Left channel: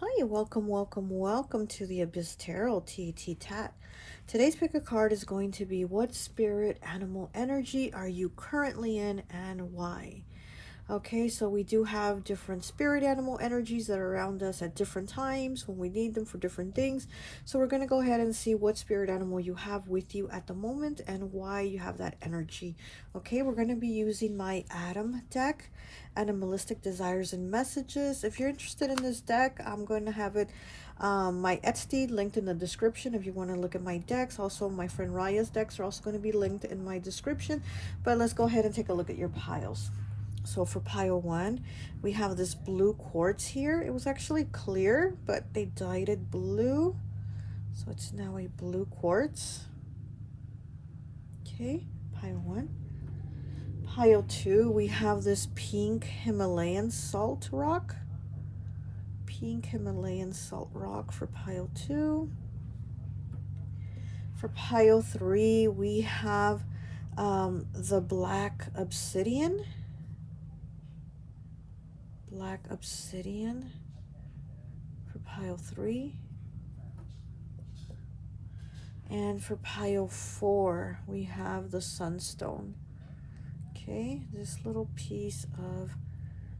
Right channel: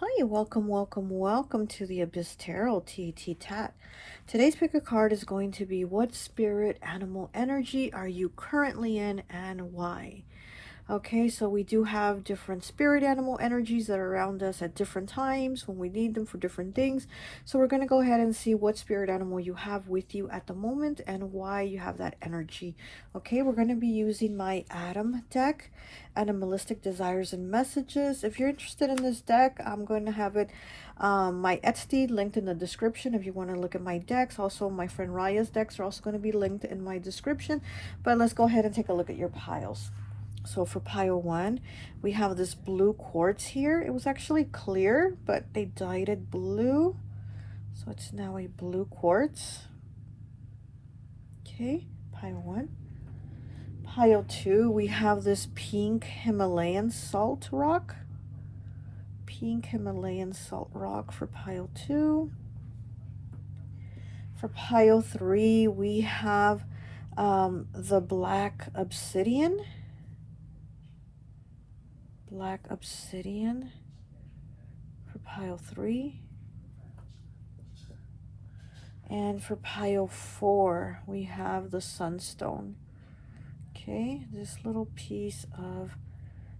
Hi, welcome to the Abyss Tarot T.A.T. Today's pick a card is going to be what spirit animal energy are you currently in and why? Okay, so we do have different spirit animal energies that are around us at different times when we need them for different things. So we're going to go ahead and see what spirit animal you have with you at the moment and why you have that energy. Okay, we're going to be using my Adam deck, Animalistic Desires and Messages. If you're interested in this deck, I'm going to have it my Etsy linked in the description if you want to look at my decks. Also, my friend Raya's decks are also going to be linked in my description. But let's go ahead and take a look at your piles. So for pile 1, we have this blue quartz here. It was actually clear, but they dyed it blue. So it's now a blue quartz. Okay, pile 1. Pile 2, we have this pink Himalayan salt rock. Pink Himalayan salt rock for pile 2. For pile 3, we have the black obsidian. Black obsidian for pile 3. And for pile 4, we have the sunstone. Okay, this little piece of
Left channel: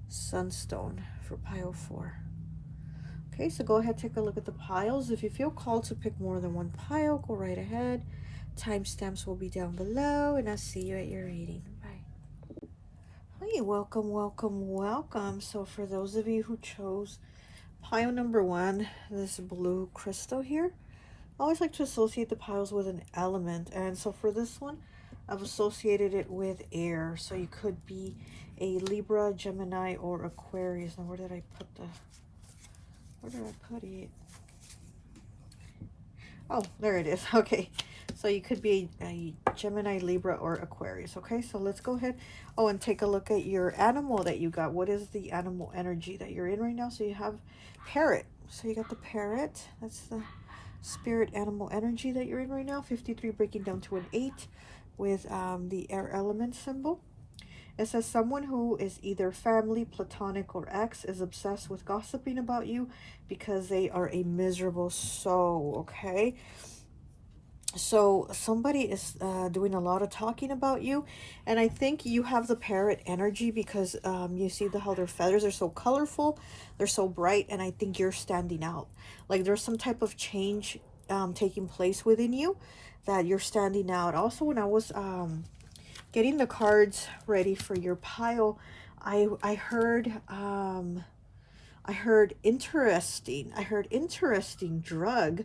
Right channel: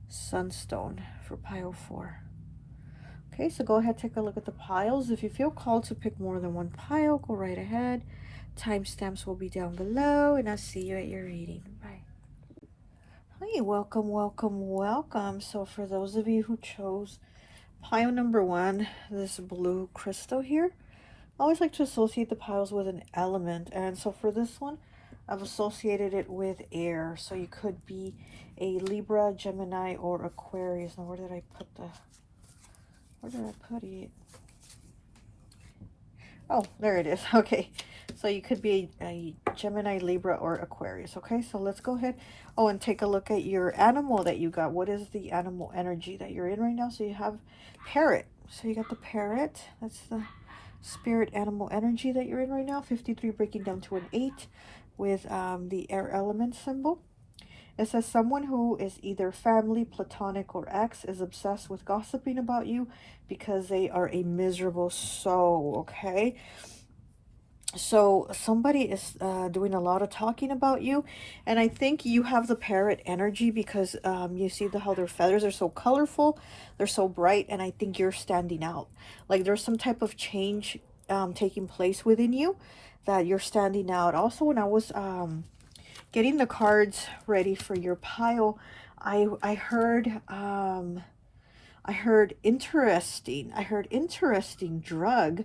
sunstone for pile 4. Okay, so go ahead, take a look at the piles. If you feel called to pick more than one pile, go right ahead. Timestamps will be down below, and I'll see you at your reading. Bye. Hey, welcome. So for those of you who chose pile number 1, this blue crystal here, I always like to associate the piles with an element, and so for this one, I've associated it with air. So you could be a Libra, Gemini, or Aquarius. Now, where did I put it? Oh, there it is. Okay, so you could be a Gemini, Libra, or Aquarius. Okay, so let's go ahead. Oh, and take a look at your animal that you got. What is the animal energy that you're in right now? So you have parrot. So you got the parrot. That's the spirit animal energy that you're in right now. 53 breaking down to an 8 with the air element symbol. It says someone who is either family, platonic, or ex is obsessed with gossiping about you because they are a miserable soul. Okay, so somebody is doing a lot of talking about you, and I think you have the parrot energy because you see how their feathers are so colorful, they're so bright, and I think you're standing out. Like there's some type of change taking place within you that you're standing out. Also, when I was getting the cards ready for your pile, I heard I heard interesting drug,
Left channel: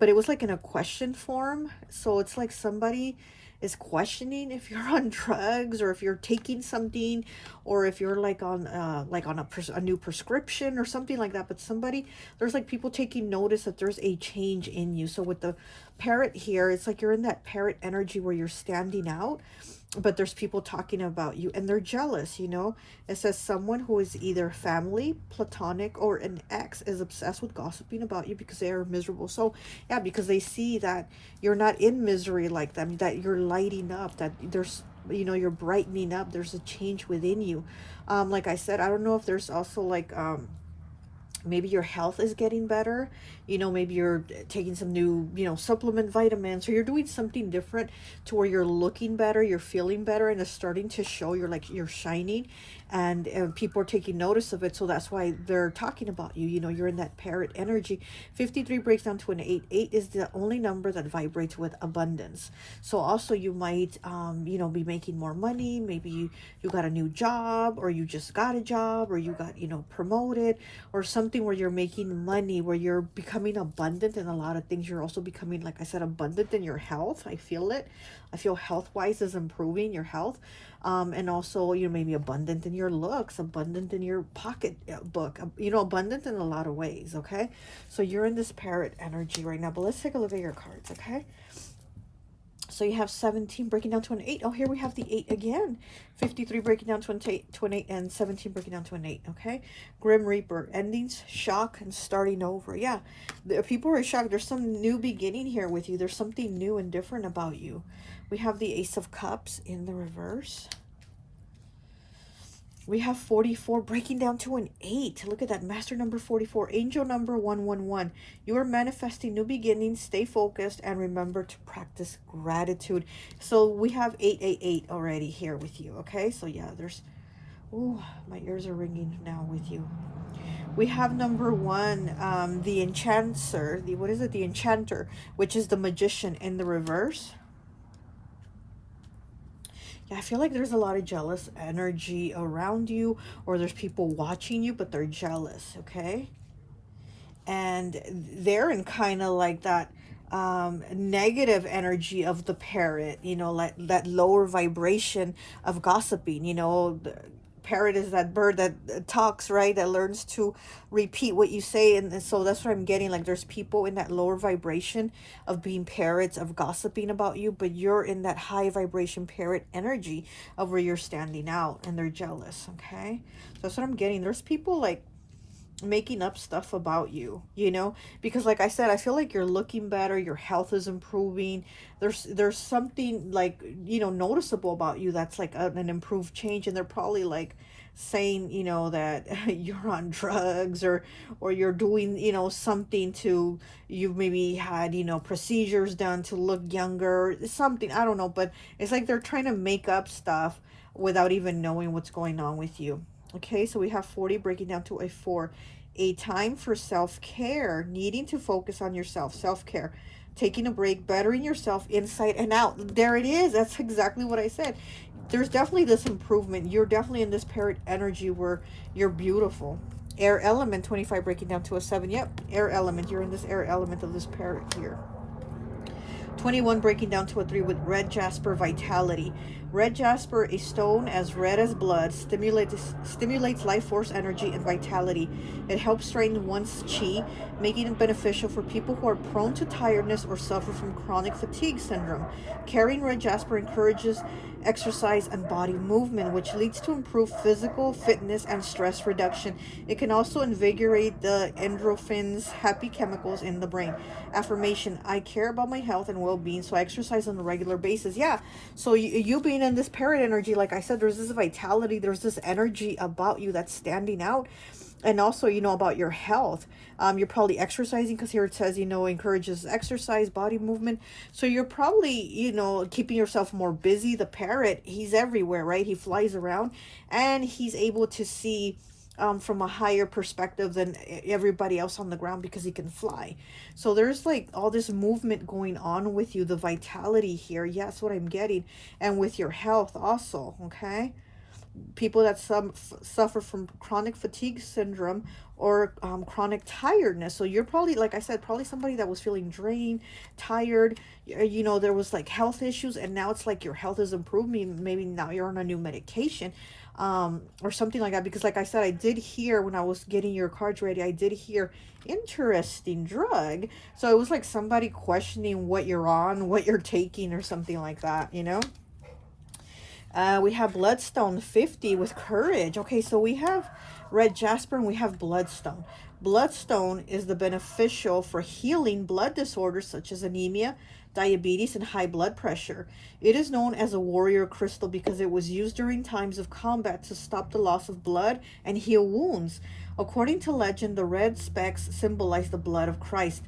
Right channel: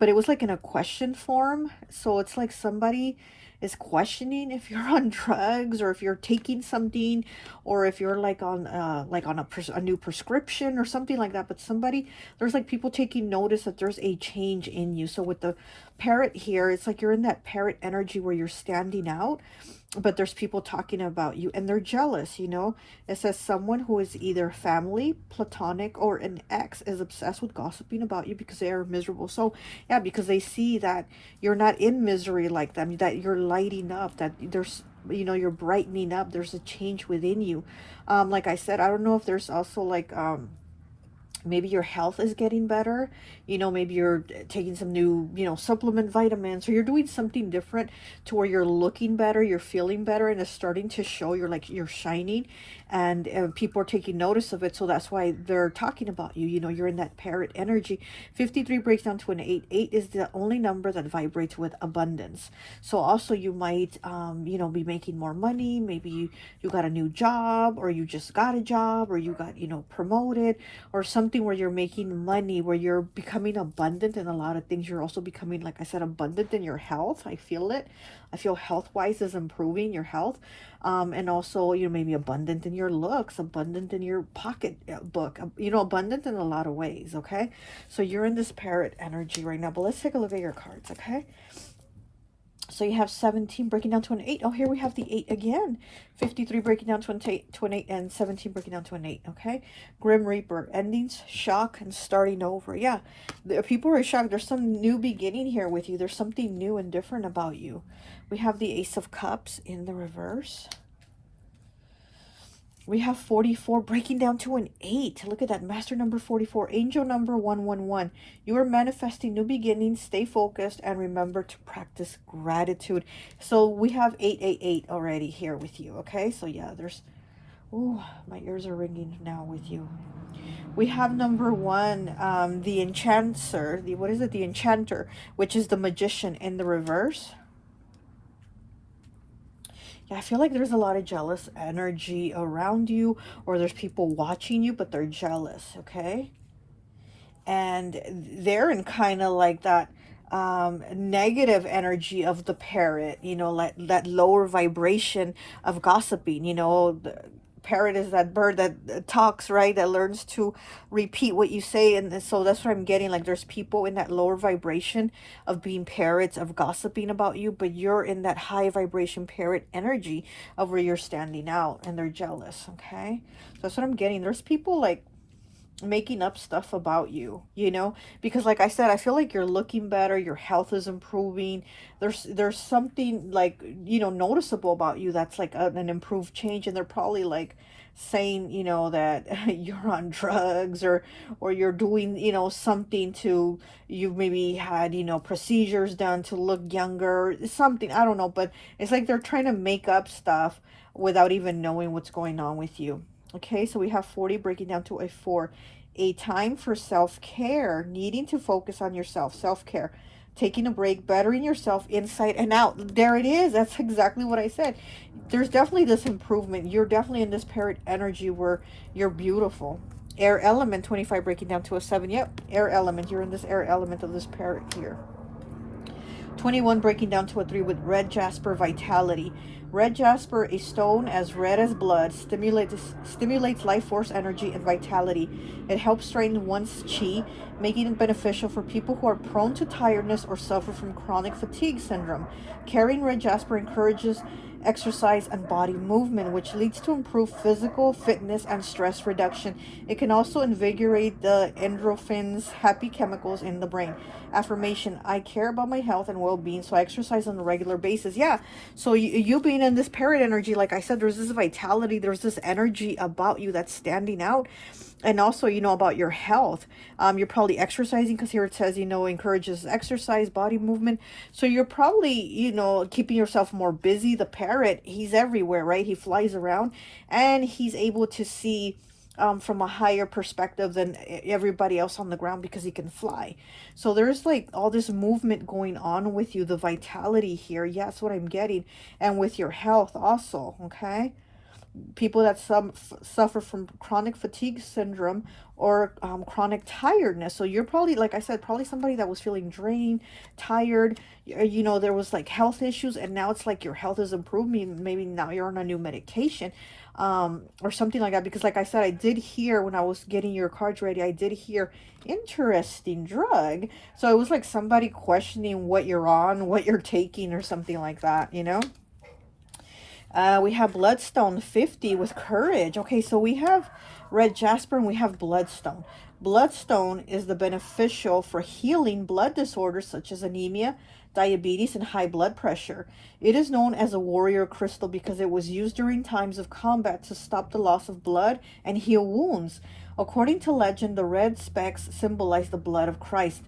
but it was like in a question form. So it's like somebody is questioning if you're on drugs or if you're taking something or if you're like on a new prescription or something like that. But there's like people taking notice that there's a change in you. So with the parrot here, it's like you're in that parrot energy where you're standing out, but there's people talking about you and they're jealous, you know. It says someone who is either family, platonic, or an ex is obsessed with gossiping about you because they are miserable. So yeah, because they see that you're not in misery like them, that you're lighting up, that there's, you know, you're brightening up, there's a change within you. Like I said, I don't know if there's also like maybe your health is getting better, you know, maybe you're taking some new, you know, supplement vitamins, or you're doing something different to where you're looking better, you're feeling better, and it's starting to show. You're like, you're shining, and people are taking notice of it, so that's why they're talking about you. You know, you're in that parrot energy. 53 breaks down to an 8. 8 is the only number that vibrates with abundance. So also you might you know, be making more money. Maybe you got a new job, or you just got a job, or you got, you know, promoted, or something where you're making money, where you're becoming abundant in a lot of things. You're also becoming, like I said, abundant in your health. I feel it. I feel health wise is improving your health. And also, you know, maybe abundant in your looks, abundant in your pocket book, you know, abundant in a lot of ways. Okay, so you're in this parrot energy right now, but let's take a look at your cards. Okay, so you have 17 breaking down to an 8. Oh, here we have the 8 again. 53 breaking down to an 8, and 17 breaking down to an 8. Okay, Grim Reaper, endings, shock, and starting over. Yeah, people are shocked. There's some new beginning here with you. There's something new and different about you. We have the Ace of Cups in the reverse. We have 44 breaking down to an 8. Look at that. Master number 44. Angel number 111. You are manifesting new beginnings. Stay focused and remember to practice gratitude. So we have 888 already here with you. Okay. So yeah, there's... Ooh, my ears are ringing now with you. We have number 1, the enchanter. What is it? The enchanter, which is the magician in the reverse. Yeah, I feel like there's a lot of jealous energy around you, or there's people watching you, but they're jealous, okay? And they're in kind of like that negative energy of the parrot, you know, like that lower vibration of gossiping, you know. The parrot is that bird that talks, right? That learns to repeat what you say. And so that's what I'm getting. Like there's people in that lower vibration of being parrots, of gossiping about you, but you're in that high vibration parrot energy of where you're standing out and they're jealous, okay? So that's what I'm getting. There's people like making up stuff about you, you know, because like I said, I feel like you're looking better, your health is improving. There's something like, you know, noticeable about you that's like an improved change, and they're probably like saying, you know, that you're on drugs, or you're doing, you know, something to... You've maybe had, you know, procedures done to look younger, something, I don't know, but it's like they're trying to make up stuff without even knowing what's going on with you. Okay, so we have 40 breaking down to a 4. A time for self-care, needing to focus on yourself, self-care, taking a break, bettering yourself inside and out. There it is. That's exactly what I said. There's definitely this improvement. You're definitely in this parrot energy where you're beautiful. Air element, 25 breaking down to a 7. Yep, air element. You're in this air element of this parrot here. 21 breaking down to a 3 with red jasper vitality. Red jasper, a stone as red as blood, stimulates life force energy and vitality. It helps strengthen one's chi, making it beneficial for people who are prone to tiredness or suffer from chronic fatigue syndrome. Carrying red jasper encourages exercise and body movement, which leads to improved physical fitness and stress reduction. It can also invigorate the endorphins, happy chemicals in the brain. Affirmation: I care about my health and well-being, so I exercise on a regular basis. Yeah, so you being in this parrot energy, like I said, there's this vitality, there's this energy about you that's standing out. And also, you know, about your health, you're probably exercising, because here it says, you know, encourages exercise, body movement. So you're probably, you know, keeping yourself more busy. The parrot, he's everywhere, right? He flies around, and he's able to see from a higher perspective than everybody else on the ground, because he can fly. So there's like all this movement going on with you, the vitality here. Yeah, that's what I'm getting. And with your health also, okay? People that suffer from chronic fatigue syndrome, or chronic tiredness. So you're probably, like I said, probably somebody that was feeling drained, tired. You know, there was like health issues, and now it's like your health is improving. Maybe now you're on a new medication, or something like that. Because like I said, I did hear when I was getting your cards ready, I did hear interesting drug. So it was like somebody questioning what you're on, what you're taking, or something like that, you know. We have Bloodstone 50 with Courage. Okay, so we have Red Jasper and we have Bloodstone. Bloodstone is the beneficial for healing blood disorders such as anemia, diabetes, and high blood pressure. It is known as a warrior crystal because it was used during times of combat to stop the loss of blood and heal wounds. According to legend, the red specks symbolize the blood of Christ,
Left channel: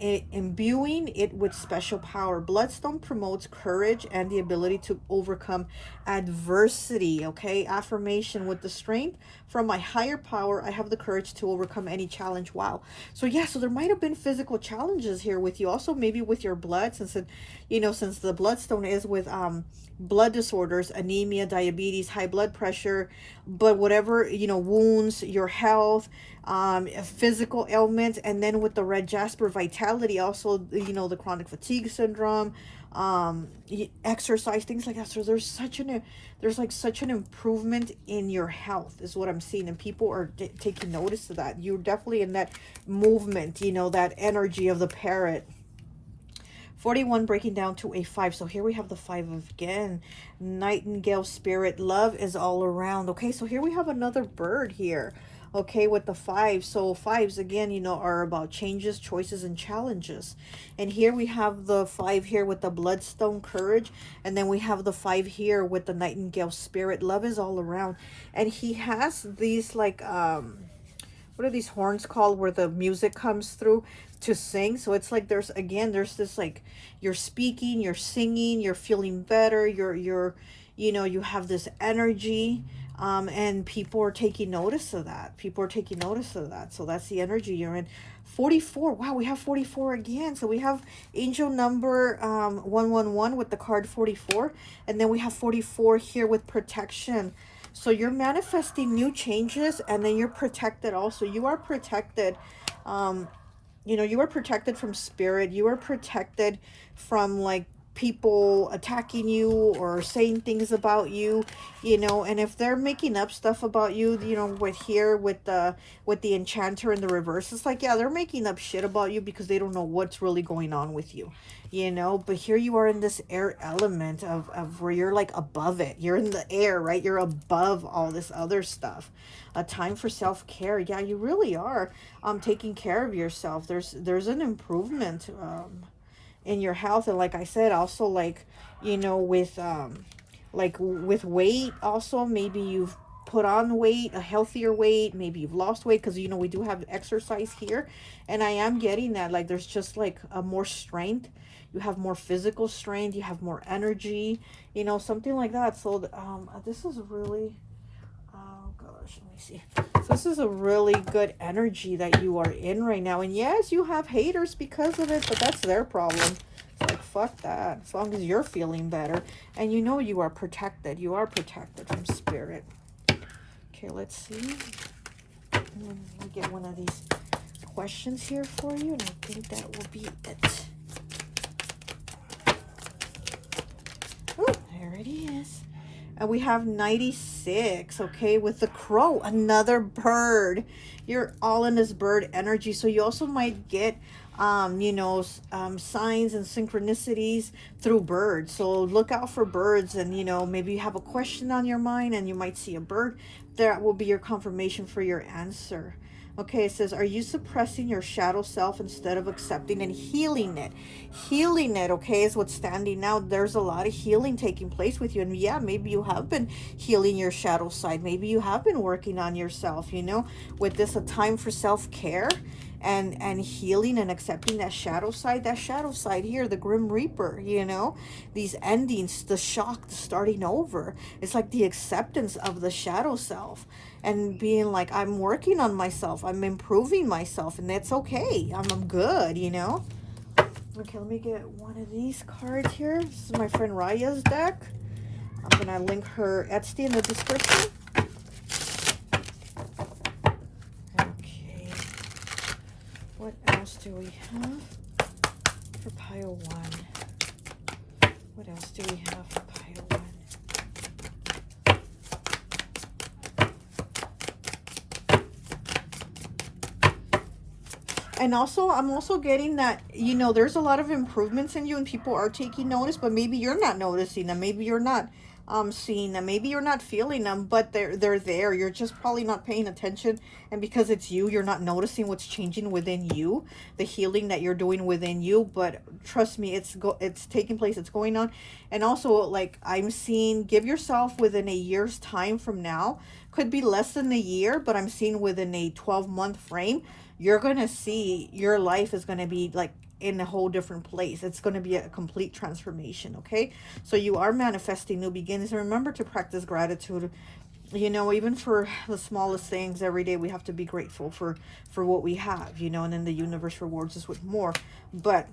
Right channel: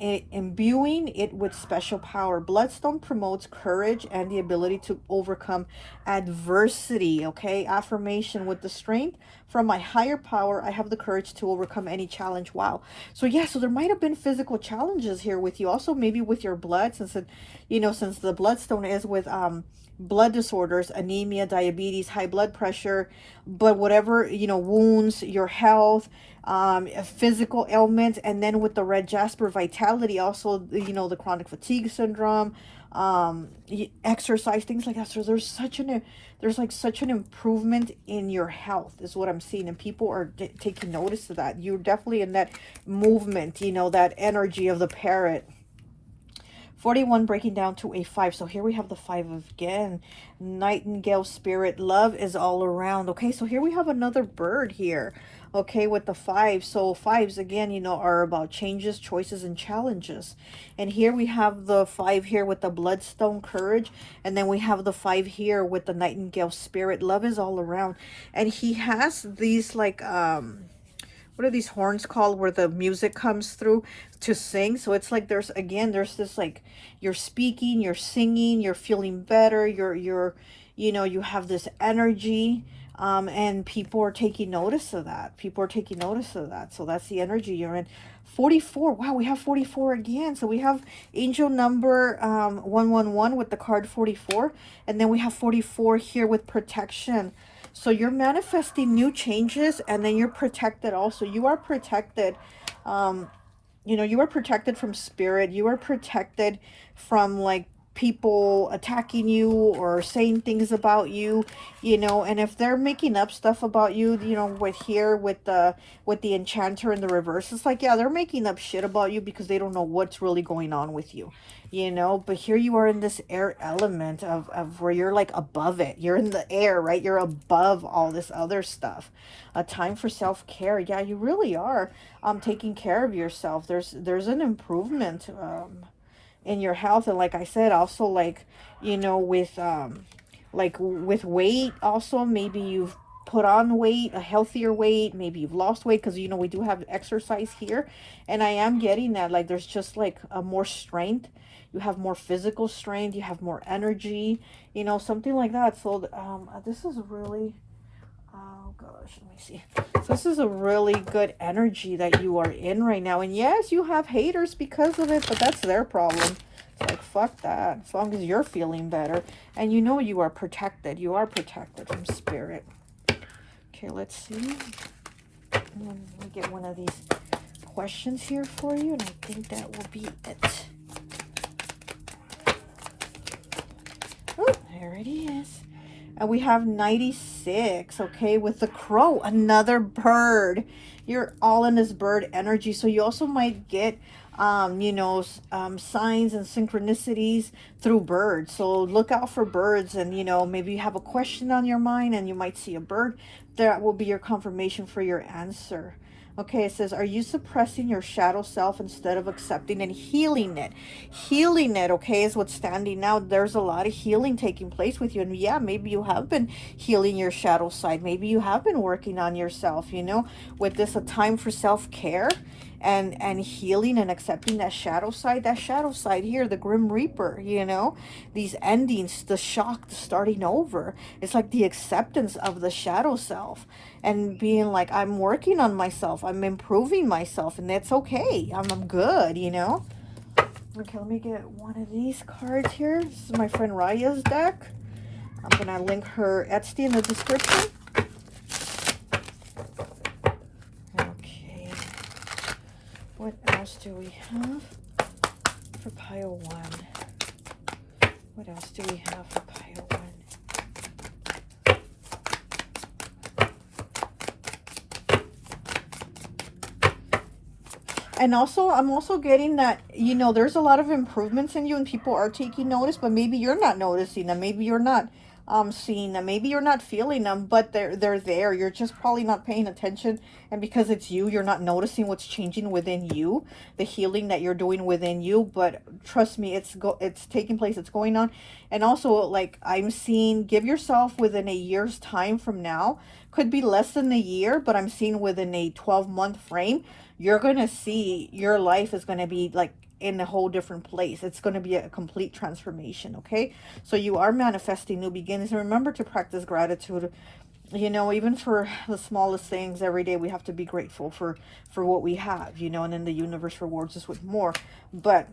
imbuing it with special power. Bloodstone promotes courage and the ability to overcome adversity. Okay, affirmation: with the strength from my higher power, I have the courage to overcome any challenge. Wow. So yeah, so there might have been physical challenges here with you, also maybe with your blood, since it, you know, since the bloodstone is with blood disorders, anemia, diabetes, high blood pressure, but whatever, you know, wounds, your health, physical ailments. And then with the red jasper vitality, also, you know, the chronic fatigue syndrome, exercise, things like that. So there's like such an improvement in your health is what I'm seeing, and people are taking notice of that. You're definitely in that movement, you know, that energy of the parrot. 41 breaking down to a 5. So here we have the 5 again. Nightingale spirit, love is all around. Okay, so here we have another bird here. okay, with the five. So fives, again, you know, are about changes, choices, and challenges. And here we have the five here with the bloodstone courage, and then we have the five here with the nightingale spirit. Love is all around. And he has these like what are these horns called, where the music comes through to sing. So it's like there's, again, there's this like, you're speaking, you're singing, you're feeling better, you're you know, you have this energy, and people are taking notice of that. People are taking notice of that. So that's the energy you're in. 44. Wow, we have 44 again. So we have angel number 111 with the card 44, and then we have 44 here with protection. So you're manifesting new changes, and then you're protected also. You are protected. You know, you are protected from spirit. You are protected from like people attacking you or saying things about you, you know. And if they're making up stuff about you, you know, with here with the enchanter in the reverse, it's like, yeah, they're making up shit about you because they don't know what's really going on with you, you know. But here you are in this air element of where you're like above it. You're in the air, right? You're above all this other stuff. A time for self-care. Yeah, you really are taking care of yourself. There's an improvement in your health. And like I said, also, like, you know, with like with weight also, maybe you've put on weight, a healthier weight, maybe you've lost weight, because, you know, we do have exercise here, and I am getting that, like, there's just like a more strength. You have more physical strength, you have more energy, you know, something like that. So this is really, oh gosh, let me see. So this is a really good energy that you are in right now. And yes, you have haters because of it, but that's their problem. It's like, fuck that. As long as you're feeling better. And you know you are protected. You are protected from spirit. Okay, let's see. Let me get one of these questions here for you, and I think that will be it. Oh, there it is. And we have 96, okay, with the crow, another bird. You're all in this bird energy. So you also might get, you know, signs and synchronicities through birds. So look out for birds, and, you know, maybe you have a question on your mind and you might see a bird. That will be your confirmation for your answer. Okay, it says, are you suppressing your shadow self instead of accepting and healing it? Healing it, okay, is what's standing out. There's a lot of healing taking place with you. And yeah, maybe you have been healing your shadow side. Maybe you have been working on yourself, you know, with this, a time for self-care and healing and accepting that shadow side here, the grim reaper, you know, these endings, the shock, the starting over. It's like the acceptance of the shadow self, and being like, I'm working on myself, I'm improving myself, and that's okay. I'm good, you know. Okay, let me get one of these cards here. This is my friend Raya's deck. I'm gonna link her Etsy in the description. Okay, what else do we have for pile one? What else do we have for pile one? And also, I'm also getting that, you know, there's a lot of improvements in you and people are taking notice, but maybe you're not noticing them. Maybe you're not seeing them. Maybe you're not feeling them, but they're there. You're just probably not paying attention. And because it's you, you're not noticing what's changing within you, the healing that you're doing within you. But trust me, it's taking place. It's going on. And also, like, I'm seeing, give yourself within a year's time from now. Could be less than a year, but I'm seeing within a 12-month frame, you're going to see your life is going to be like in a whole different place. It's going to be a complete transformation, okay? So you are manifesting new beginnings. And remember to practice gratitude. You know, even for the smallest things every day, we have to be grateful for what we have, you know, and then the universe rewards us with more. But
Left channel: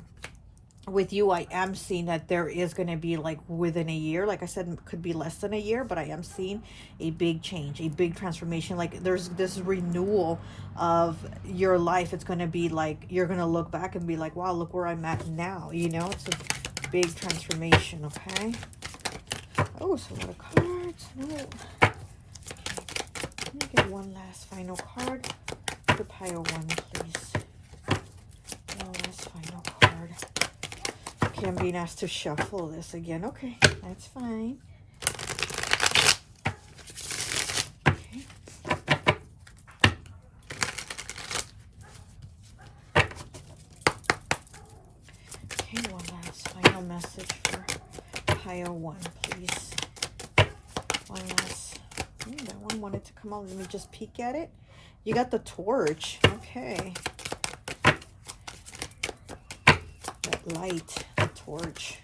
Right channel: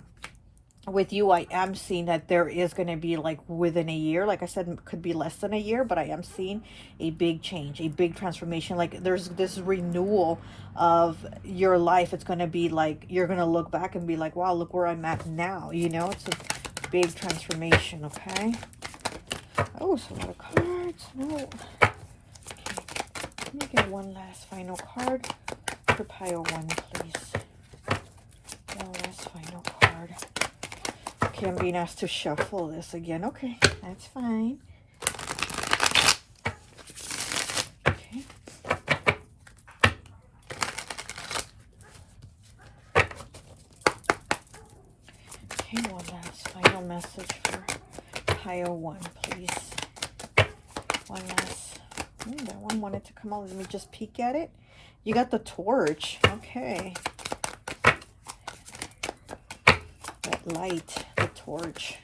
with you, I am seeing that there is going to be, like, within a year, like I said, it could be less than a year, but I am seeing a big change, a big transformation. Like, there's this renewal of your life. It's going to be like, you're going to look back and be like, wow, look where I'm at now, you know. It's a big transformation. Okay. Oh, it's a lot of cards. No. Okay. Let me get one last final card for pile one, please. One last final card. Okay, I'm being asked to shuffle this again. Okay, that's fine. Okay. message for pile 1, please. One last. That one wanted to come out. Let me just peek at it. You got the torch. Okay. That light, the torch.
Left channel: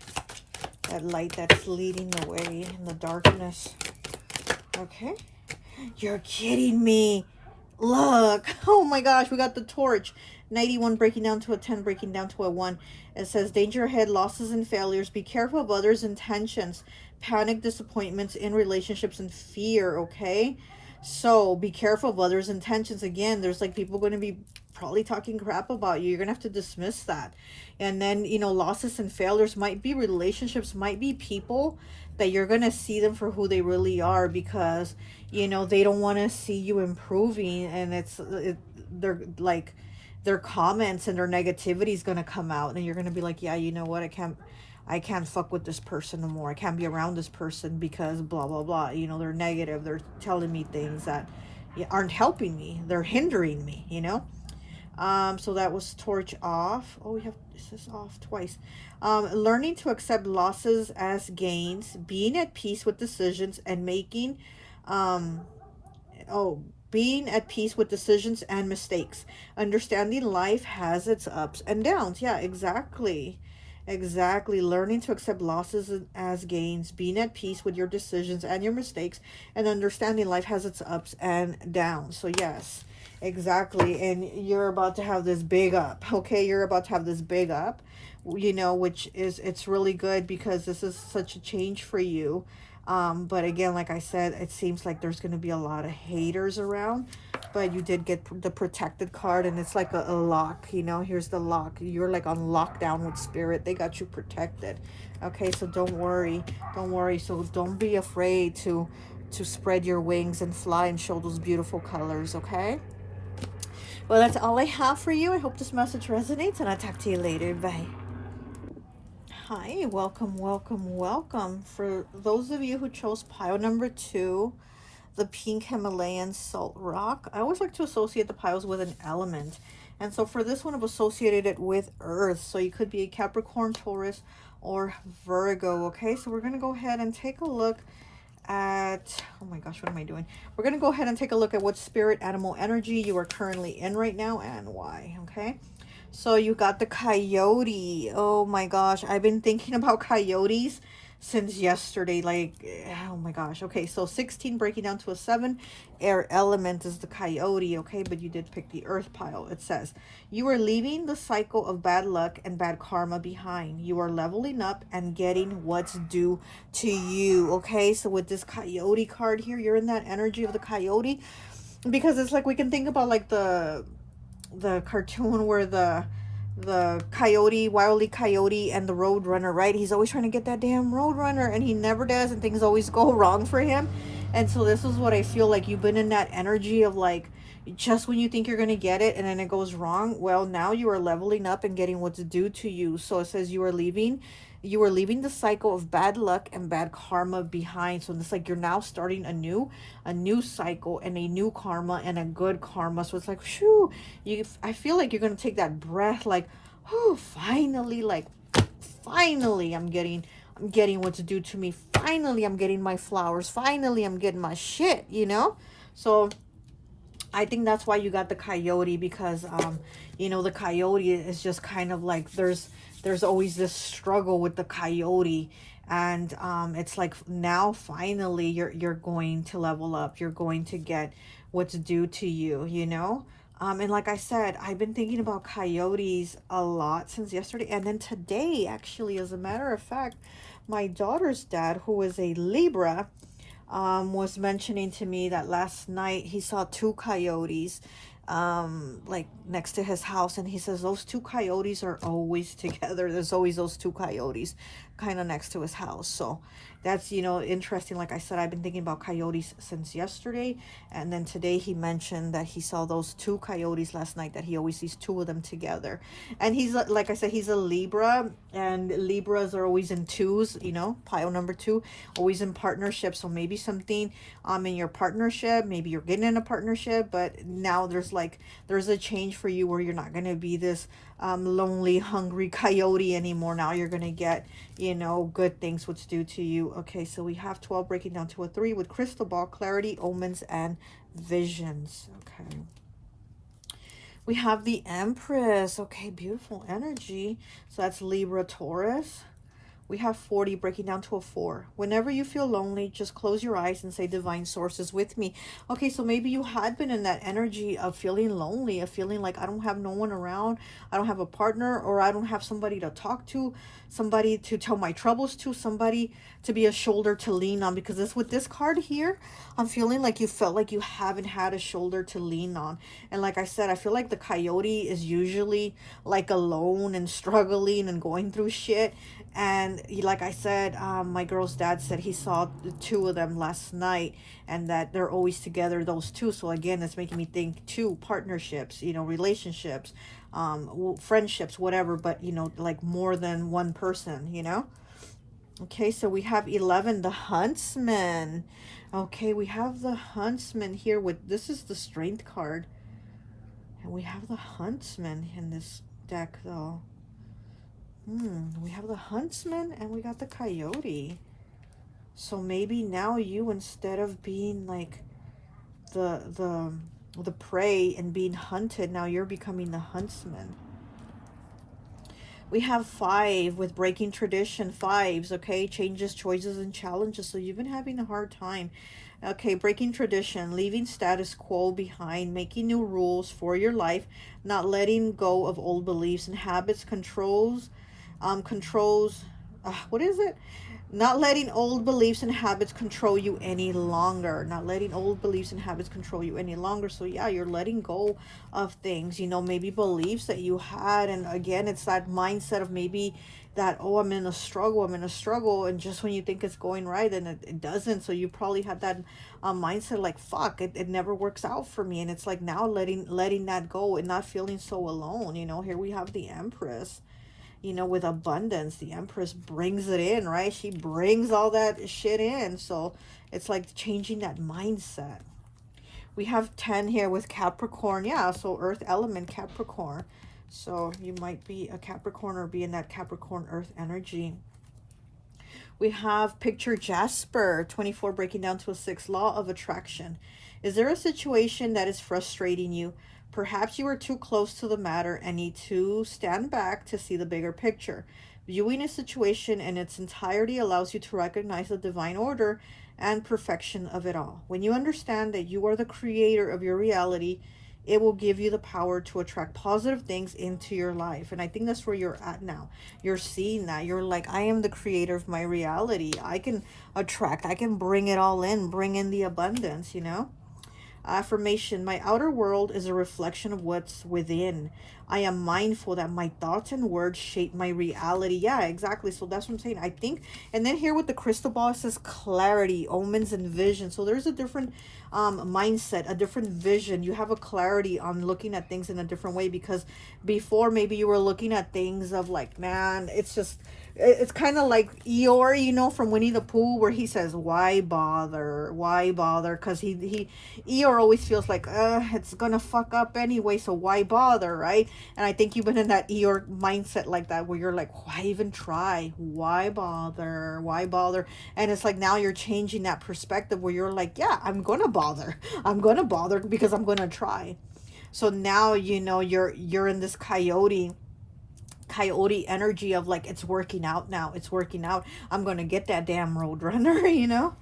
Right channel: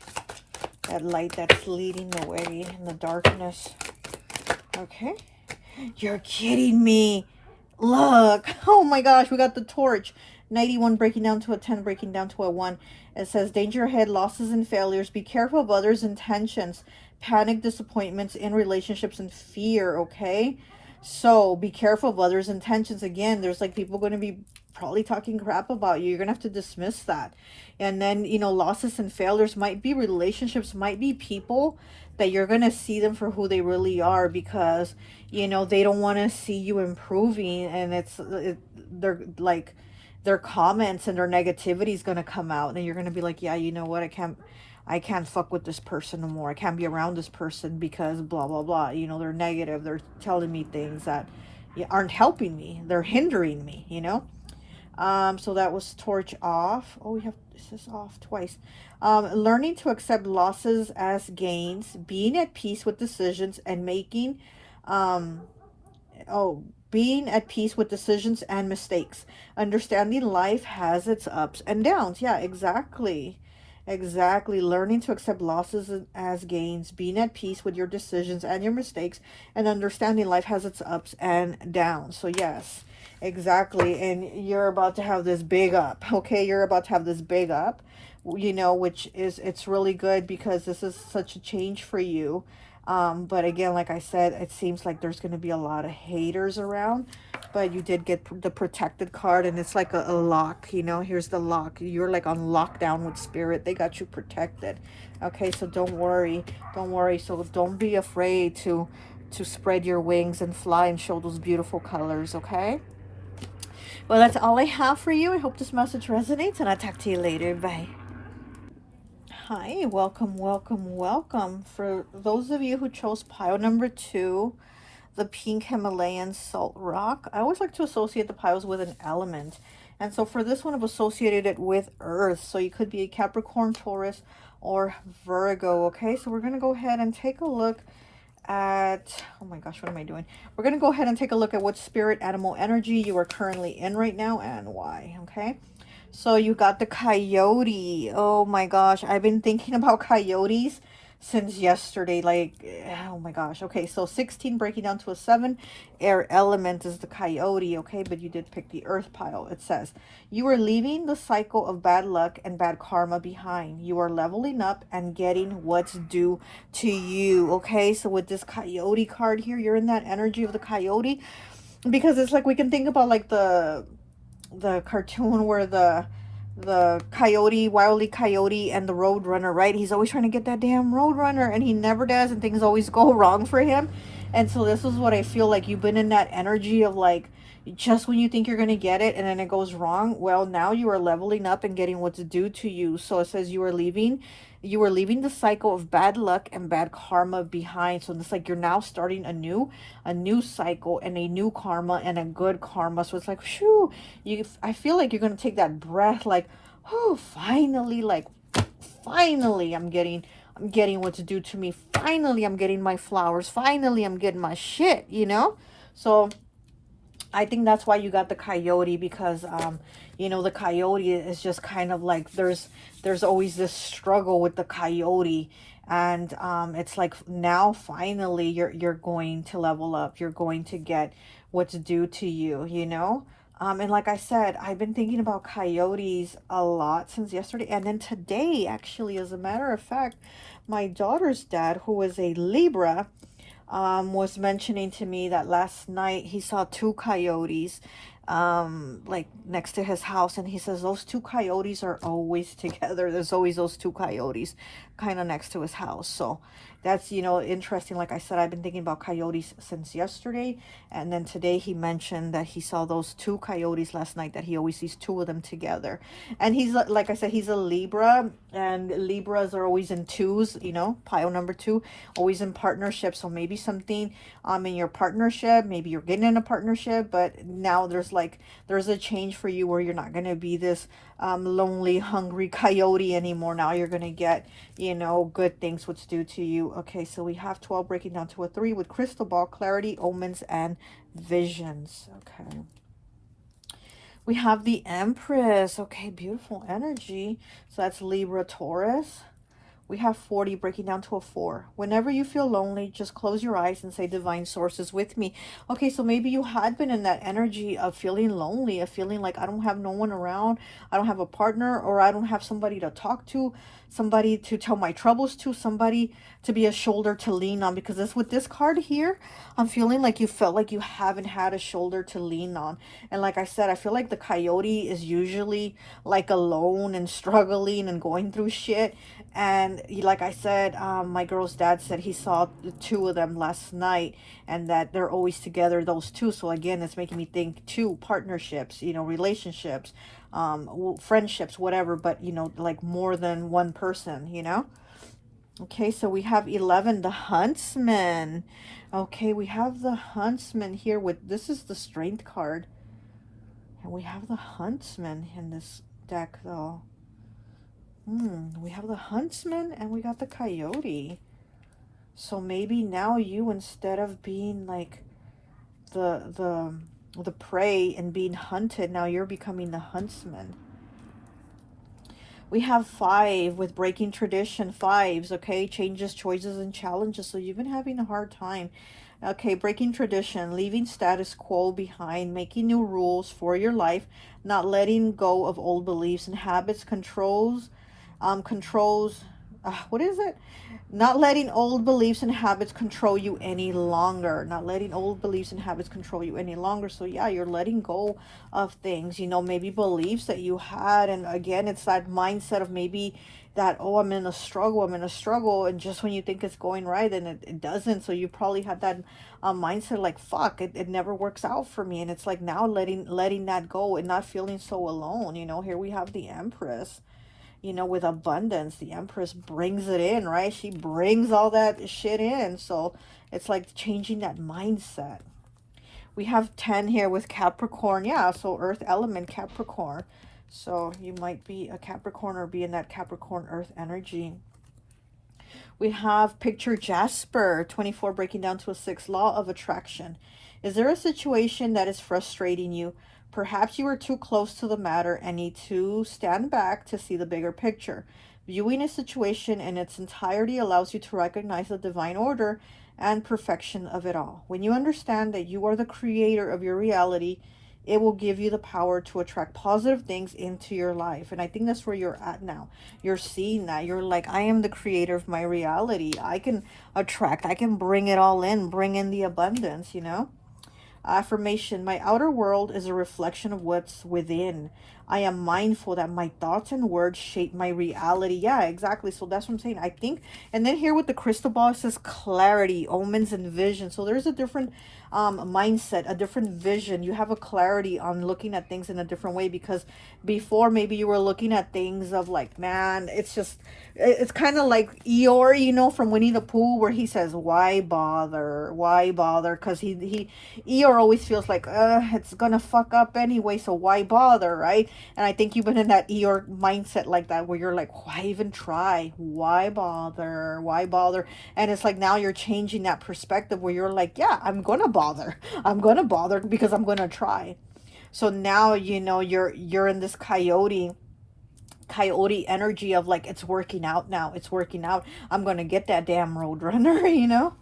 That light that's leading the way in the darkness. Okay. You're kidding me. Look. Oh my gosh, we got the torch. 91 breaking down to a 10, breaking down to a 1. It says, danger ahead, losses and failures. Be careful of others' intentions. Panic, disappointments in relationships, and fear, okay? So be careful of others' intentions. Again, there's like people going to be probably talking crap about you. You're going to have to dismiss that. And then, you know, losses and failures might be relationships, might be people that you're going to see them for who they really are, because, you know, they don't want to see you improving. And they're like, their comments and their negativity is going to come out, and you're going to be like, yeah, you know what, I can't fuck with this person no more. I can't be around this person because blah blah blah. You know, they're negative, they're telling me things that aren't helping me, they're hindering me, you know. So that was torch off. Oh, we have this is off twice. Learning to accept losses as gains, being at peace with decisions and making being at peace with decisions and mistakes. Understanding life has its ups and downs. Yeah, exactly. Exactly. Learning to accept losses as gains, being at peace with your decisions and your mistakes, and understanding life has its ups and downs. So yes, exactly. And you're about to have this big up. Okay, you're about to have this big up, you know, which is, it's really good because this is such a change for you. But again, like I said, it seems like there's going to be a lot of haters around, but you did get the protected card, and it's like a lock, you know. Here's the lock. You're like on lockdown with spirit. They got you protected. Okay, so don't worry. Don't worry. So don't be afraid to spread your wings and fly and show those beautiful colors, okay? Well, that's all I have for you. I hope this message resonates, and I'll talk to you later. Bye. Hi, welcome, welcome, welcome. For those of you who chose pile number 2, the pink Himalayan salt rock, I always like to associate the piles with an element. And so for this one, I've associated it with earth. So you could be a Capricorn, Taurus, or Virgo. Okay, so we're going to go ahead and take a look at, oh my gosh, what am I doing? We're going to go ahead and take a look at what spirit animal energy you are currently in right now and why. Okay. So you got the coyote. Oh my gosh, I've been thinking about coyotes since yesterday. Like, oh my gosh. Okay, so 16 breaking down to a 7. Air element is the coyote, okay? But you did pick the earth pile. It says, you are leaving the cycle of bad luck and bad karma behind. You are leveling up and getting what's due to you, okay? So with this coyote card here, you're in that energy of the coyote, because it's like we can think about like the cartoon where the coyote, Wile E. Coyote, and the roadrunner, right? He's always trying to get that damn roadrunner, and he never does, and things always go wrong for him. And so this is what I feel like you've been in, that energy of like, just when you think you're going to get it and then it goes wrong. Well, now you are leveling up and getting what's due to you. So it says you are leaving the cycle of bad luck and bad karma behind. So it's like you're now starting a new cycle and a new karma and a good karma. So it's like, shoo, I feel like you're going to take that breath like, oh, finally, like, finally I'm getting what's due to me. Finally I'm getting my flowers. Finally I'm getting my shit, you know? So I think that's why you got the coyote, because you know, the coyote is just kind of like, there's always this struggle with the coyote, and it's like now finally you're going to level up. You're going to get what's due to you, you know? And like I said, I've been thinking about coyotes a lot since yesterday, and then today, actually, as a matter of fact, my daughter's dad, who is a Libra, was mentioning to me that last night he saw 2 coyotes like next to his house, and he says those 2 coyotes are always together. There's always those 2 coyotes kind of next to his house. So that's, you know, interesting. Like I said, I've been thinking about coyotes since yesterday, and then today he mentioned that he saw those 2 coyotes last night, that he always sees 2 of them together. And he's, like I said, he's a Libra, And Libras are always in twos, you know, pile number two, always in partnership. So maybe something in your partnership, maybe you're getting in a partnership, but now there's a change for you where you're not going to be this lonely, hungry coyote anymore. Now you're going to get, you know, good things what's due to you. Okay, so we have 12 breaking down to a 3 with crystal ball, clarity, omens, and visions. Okay. We have the Empress. Okay, beautiful energy. So that's Libra, Taurus. We have 40 breaking down to a 4. Whenever you feel lonely, just close your eyes and say divine source is with me. Okay, so maybe you had been in that energy of feeling lonely, of feeling like I don't have no one around, I don't have a partner, or I don't have somebody to talk to, somebody to tell my troubles to, somebody to be a shoulder to lean on. Because this with this card here, I'm feeling like you felt like you haven't had a shoulder to lean on. And like I said, I feel like the coyote is usually like alone and struggling and going through shit. And like I said, my girl's dad said he saw the two of them last night, and that they're always together, those two. So again, it's making me think two partnerships, you know, relationships, friendships, whatever, but you know, like more than one person, you know. Okay, so we have 11, the Huntsman. Okay, we have the Huntsman here with, this is the Strength card. And we have the Huntsman in this deck, though. We have the Huntsman and we got the Coyote. So maybe now you, instead of being like the prey and being hunted, now you're becoming the Huntsman. We have 5 with breaking tradition, 5s, okay? Changes, choices, and challenges. So you've been having a hard time. Okay, breaking tradition, leaving status quo behind, making new rules for your life, not letting go of old beliefs and habits, what is it? Not letting old beliefs and habits control you any longer. Not letting old beliefs and habits control you any longer. So yeah, you're letting go of things, you know, maybe beliefs that you had. And again, it's that mindset of maybe that, oh, I'm in a struggle, and just when you think it's going right, then it doesn't. So you probably had that mindset like, fuck, it never works out for me. And it's like now letting that go and not feeling so alone. You know, here we have the Empress, you know, with abundance. The Empress brings it in, right? She brings all that shit in. So it's like changing that mindset. We have 10 here with Capricorn. Yeah, so earth element, Capricorn. So you might be a Capricorn or be in that Capricorn earth energy. We have picture Jasper, 24 breaking down to a 6, law of attraction. Is there a situation that is frustrating you? Perhaps you are too close to the matter and need to stand back to see the bigger picture. Viewing a situation in its entirety allows you to recognize the divine order and perfection of it all. When you understand that you are the creator of your reality, it will give you the power to attract positive things into your life. And I think that's where you're at now. You're seeing that. You're like, I am the creator of my reality. I can attract, I can bring it all in, bring in the abundance, you know? Affirmation, my outer world is a reflection of what's within. I am mindful that my thoughts and words shape my reality. Yeah, exactly. So that's what I'm saying. I think, and then here with the crystal ball, it says clarity, omens, and vision. So there's a different mindset, a different vision. You have a clarity on looking at things in a different way, because before maybe you were looking at things of like, man, it's kind of like Eeyore, you know, from Winnie the Pooh, where he says, why bother? Why bother? Because Eeyore always feels like, it's gonna fuck up anyway, so why bother, right? And I think you've been in that Eeyore mindset like that, where you're like, why even try? Why bother? Why bother? And it's like now you're changing that perspective where you're like, yeah, I'm gonna bother. I'm gonna bother because I'm gonna try. So now, you know, you're in this coyote energy of like, it's working out now, it's working out, I'm gonna get that damn roadrunner, you know.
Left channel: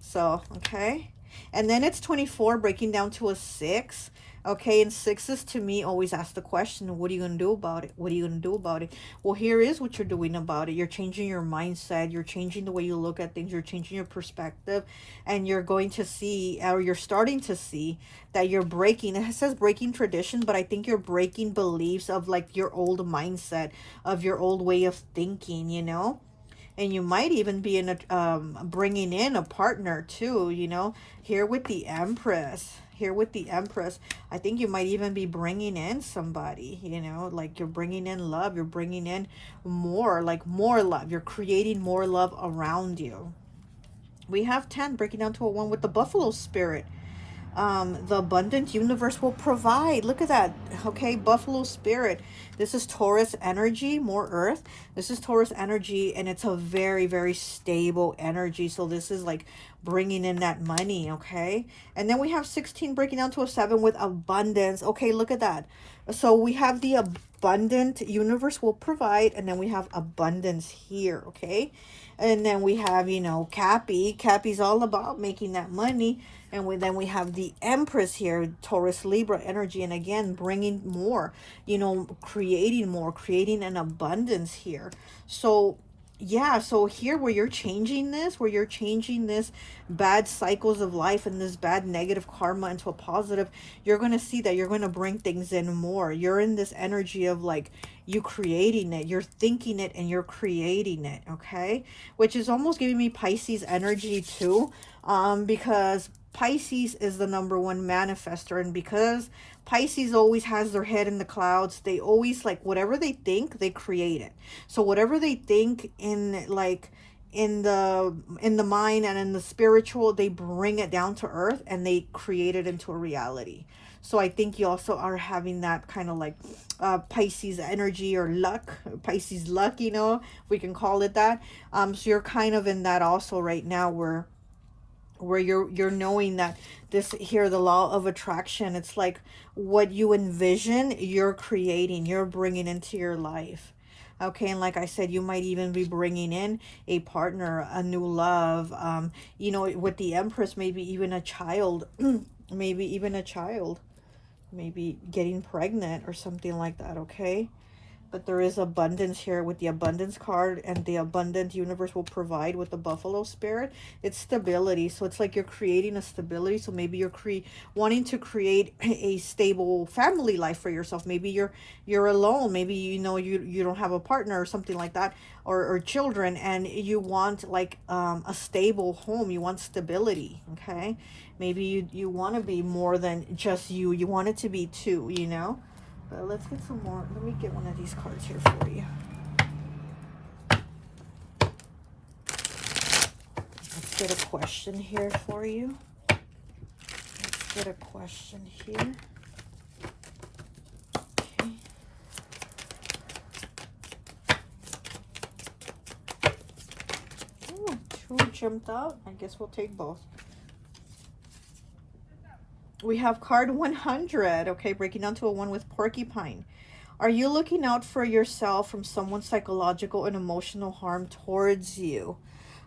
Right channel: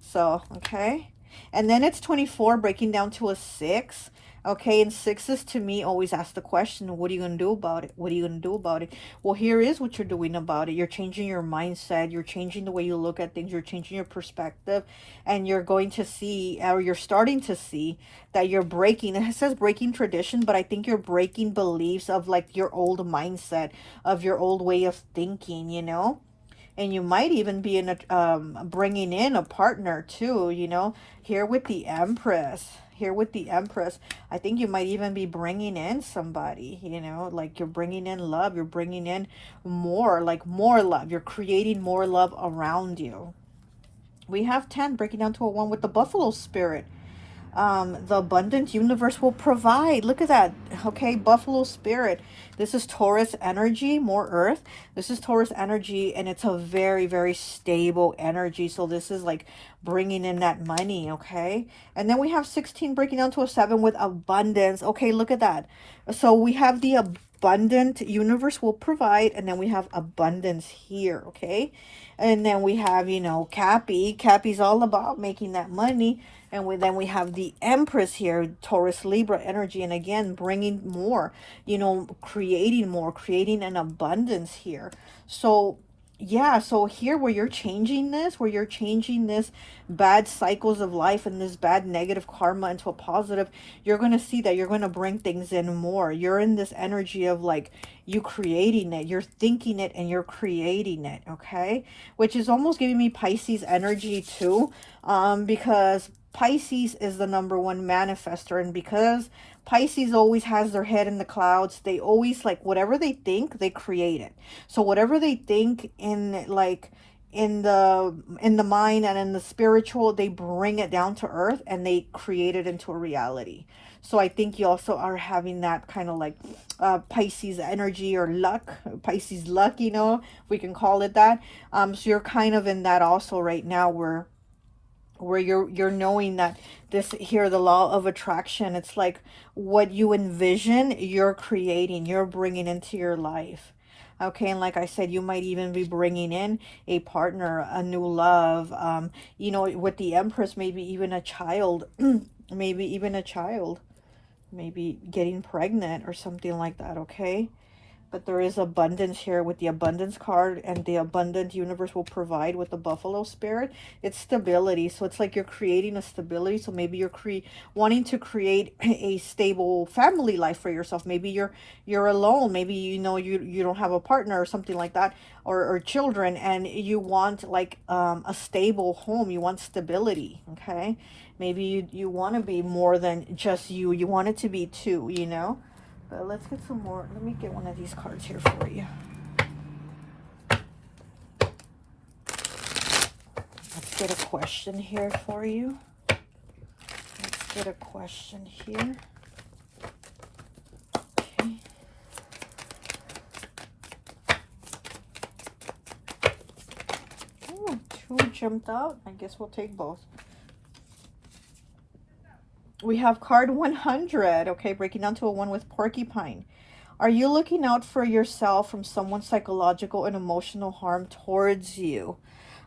So okay, and then it's 24 breaking down to a 6. Okay, and 6s to me always ask the question, what are you going to do about it? What are you going to do about it? Well, here is what you're doing about it. You're changing your mindset. You're changing the way you look at things. You're changing your perspective. And you're going to see, or you're starting to see, that you're breaking, it says breaking tradition, but I think you're breaking beliefs of like your old mindset, of your old way of thinking, you know? And you might even be in a bringing in a partner too, you know, here with the Empress. here with the Empress. I think you might even be bringing in somebody, you know, like you're bringing in love. You're bringing in more, like more love. You're creating more love around you. We have 10 breaking down to a 1 with the Buffalo Spirit. The abundant universe will provide. Look at that. Okay, Buffalo Spirit. This is Taurus energy, more earth. This is Taurus energy, and it's a very, very stable energy. So this is like bringing in that money, okay? And then we have 16 breaking down to a 7 with abundance. Okay, look at that. So we have the abundant universe will provide, and then we have abundance here, okay? And then we have, you know, Cappy. Cappy's all about making that money. And then we have the Empress here, Taurus Libra energy. And again, bringing more, you know, creating more, creating an abundance here. So yeah, so here where you're changing this, bad cycles of life and this bad negative karma into a positive, you're going to see that you're going to bring things in more. You're in this energy of like you creating it, you're thinking it, and you're creating it, okay? Which is almost giving me Pisces energy too, because Pisces is the #1 manifester, and because Pisces always has their head in the clouds, they always like whatever they think, they create it. So whatever they think in like in the mind and in the spiritual, they bring it down to earth and they create it into a reality. So I think you also are having that kind of like Pisces energy or luck, Pisces luck, you know, if we can call it that. So you're kind of in that also right now where you're knowing that this here, the law of attraction, it's like what you envision, you're creating, you're bringing into your life. Okay, and like I said, you might even be bringing in a partner, a new love, you know, with the Empress, maybe even a child, maybe even a child, maybe getting pregnant or something like that, okay? But there is abundance here with the abundance card, and the abundant universe will provide with the Buffalo Spirit. It's stability. So it's like you're creating a stability. So maybe you're wanting to create a stable family life for yourself. Maybe you're alone. Maybe, you know, you don't have a partner or something like that, or children, and you want like a stable home. You want stability, okay? Maybe you want to be more than just you. You want it to be two, you know? But let's get some more. Let me get one of these cards here for you. Let's get a question here for you. Let's get a question here. Okay. Oh, 2 jumped out. I guess we'll take both. We have card 100, okay, breaking down to a 1 with porcupine. Are you looking out for yourself from someone's psychological and emotional harm towards you?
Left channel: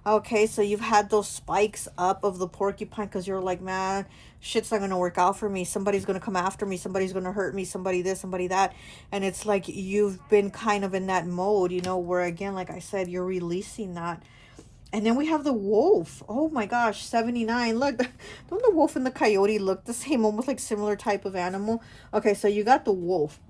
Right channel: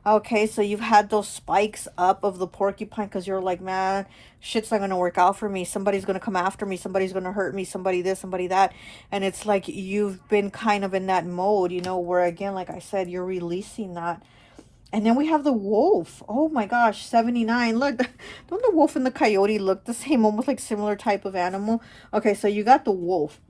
Okay, so you've had those spikes up of the porcupine because you're like, man, shit's not going to work out for me. Somebody's going to come after me. Somebody's going to hurt me. Somebody this, somebody that. And it's like you've been kind of in that mode, you know, where again, like I said, you're releasing that. And then we have the wolf. Oh my gosh, 79. Look, don't the wolf and the coyote look the same? Almost like similar type of animal. Okay, so you got the wolf.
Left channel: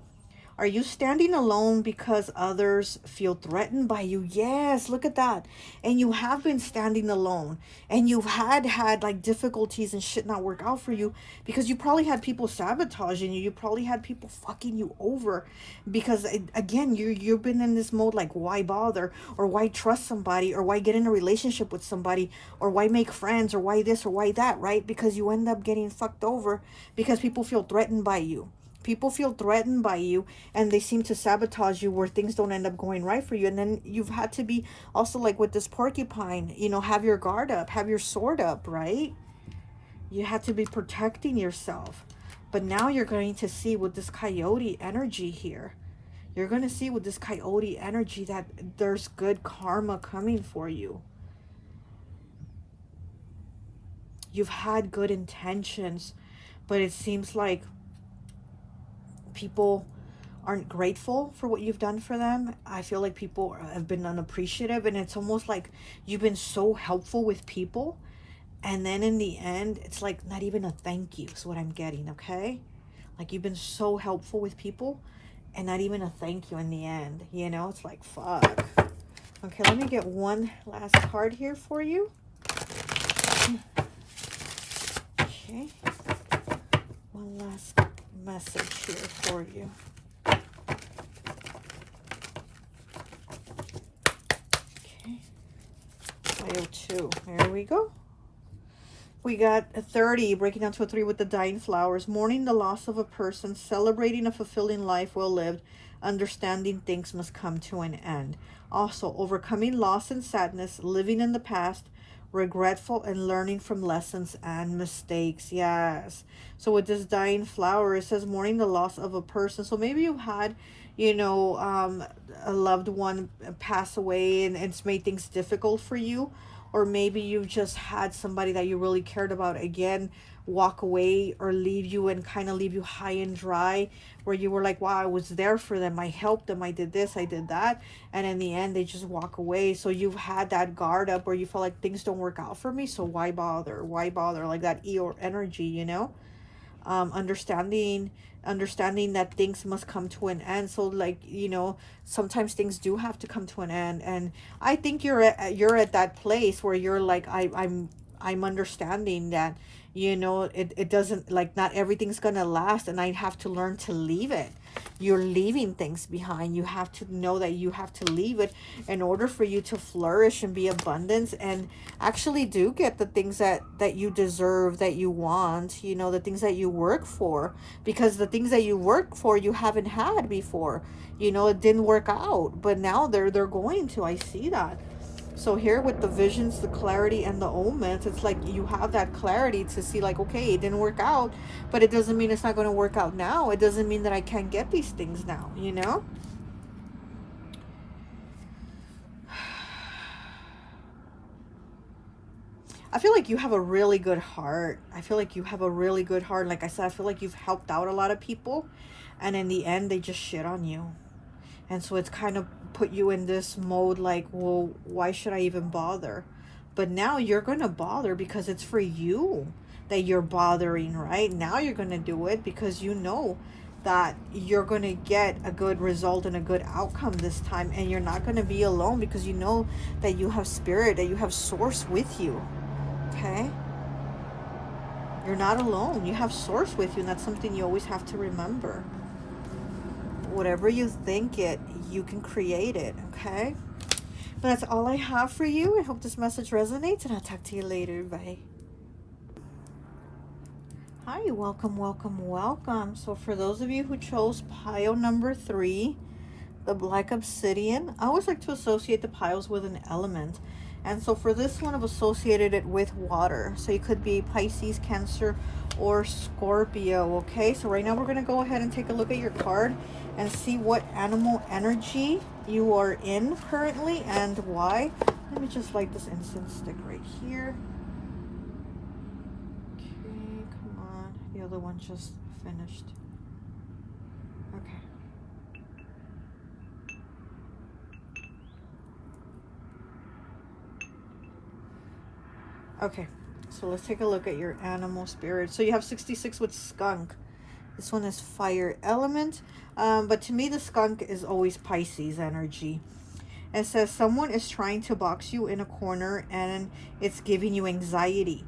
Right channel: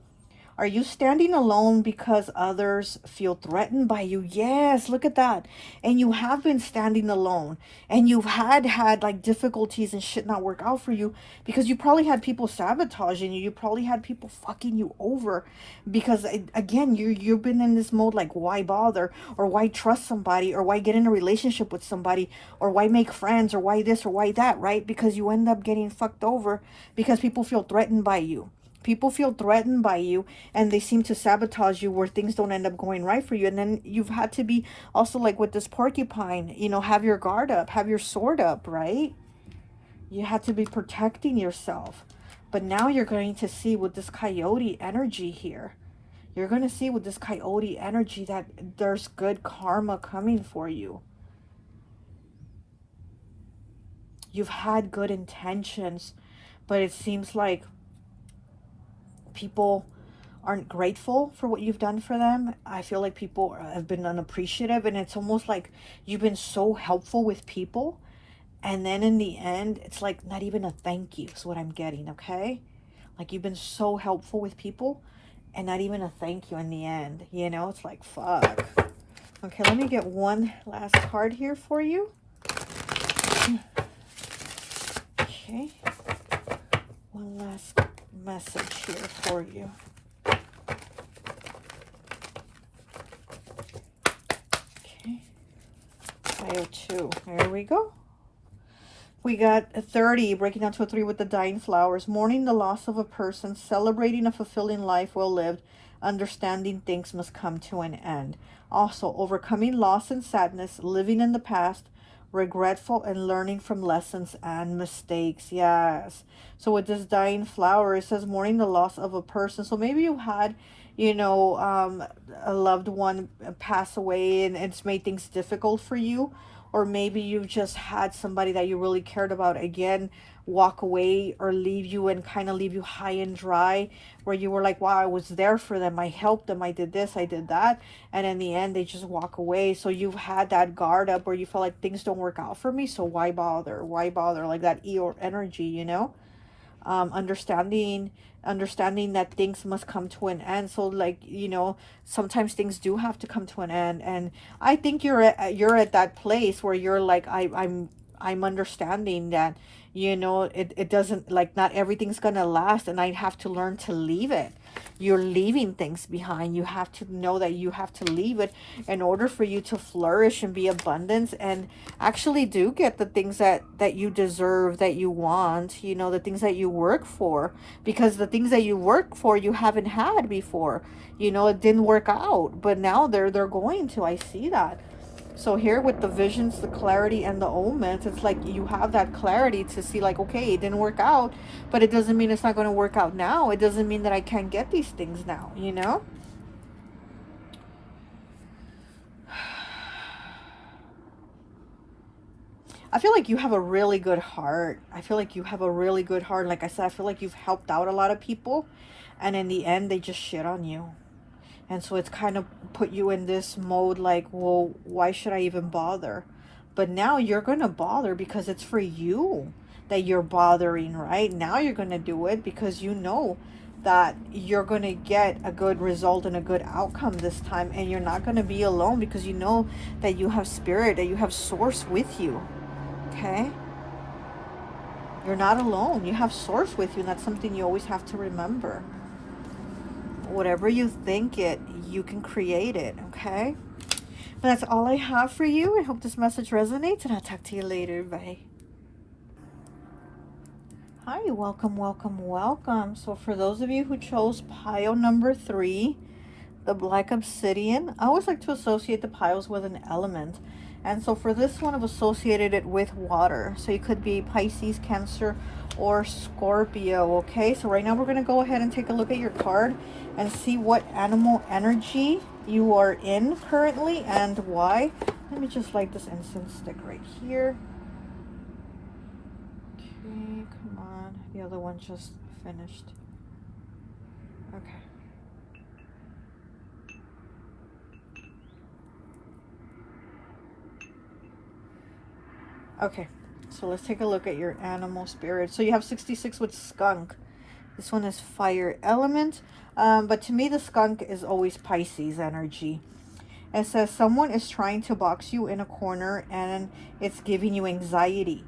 Are you standing alone because others feel threatened by you? Yes, look at that. And you have been standing alone. And you've had like difficulties and shit not work out for you because you probably had people sabotaging you. You probably had people fucking you over because, again, you've been in this mode like, why bother? Or why trust somebody? Or why get in a relationship with somebody? Or why make friends? Or why this or why that, right? Because you end up getting fucked over because people feel threatened by you. People feel threatened by you and they seem to sabotage you where things don't end up going right for you. And then you've had to be also like with this porcupine, you know, have your guard up, have your sword up, right? You had to be protecting yourself. But now you're going to see with this coyote energy here, you're going to see with this coyote energy that there's good karma coming for you. You've had good intentions, but it seems like people aren't grateful for what you've done for them. I feel like people have been unappreciative, and it's almost like you've been so helpful with people, and then in the end, it's like not even a thank you is what I'm getting, okay? Like you've been so helpful with people, and not even a thank you in the end, you know? It's like, fuck. Okay, let me get one last card here for you. Okay. last message here for you. Okay. Pile 2. Here we go. We got a 30, breaking down to a 3 with the dying flowers. Mourning the loss of a person, celebrating a fulfilling life well lived, understanding things must come to an end. Also, overcoming loss and sadness, living in the past, regretful and learning from lessons and mistakes. Yes. So with this dying flower, it says mourning the loss of a person. So maybe you had, you know, a loved one pass away and it's made things difficult for you. Or maybe you just had somebody that you really cared about again walk away or leave you and kind of leave you high and dry, where you were like, wow, I was there for them, I helped them, I did this, I did that, and in the end they just walk away. So you've had that guard up where you feel like things don't work out for me, so why bother, like that Eeyore energy, you know. Understanding that things must come to an end. So like, you know, sometimes things do have to come to an end, and I think you're at that place where you're like, I'm understanding that, you know, it doesn't, like, not everything's gonna last, and I have to learn to leave it. You're leaving things behind. You have to know that you have to leave it in order for you to flourish and be abundance and actually do get the things that you deserve, that you want, you know, the things that you work for, because the things that you work for you haven't had before. You know, it didn't work out, but now they're going to. I see that. So here with the visions, the clarity, and the omens, it's like you have that clarity to see, like, okay, it didn't work out, but it doesn't mean it's not going to work out now. It doesn't mean that I can't get these things now, you know? I feel like you have a really good heart. I feel like you have a really good heart. Like I said, I feel like you've helped out a lot of people, and in the end, they just shit on you. And so it's kind of put you in this mode like, well, why should I even bother? But now you're going to bother because it's for you that you're bothering, right? Now you're going to do it because you know that you're going to get a good result and a good outcome this time. And you're not going to be alone because you know that you have spirit, that you have source with you. Okay? You're not alone. You have source with you, and that's something you always have to remember. Whatever you think it, you can create it, okay? That's all I have for you. I hope this message resonates, and I'll talk to you later. Bye. Hi, welcome, welcome, welcome. So for those of you who chose pile number 3, the black obsidian, I always like to associate the piles with an element. And so for this one, I've associated it with water. So you could be Pisces, Cancer, or Scorpio, okay? So right now we're going to go ahead and take a look at your card and see what animal energy you are in currently and why. Let me just light this incense stick right here. Okay, come on. The other one just finished. Okay. Okay, so let's take a look at your animal spirit. So you have 66 with skunk. This one is fire element. But to me, the skunk is always Pisces energy. It says someone is trying to box you in a corner and it's giving you anxiety.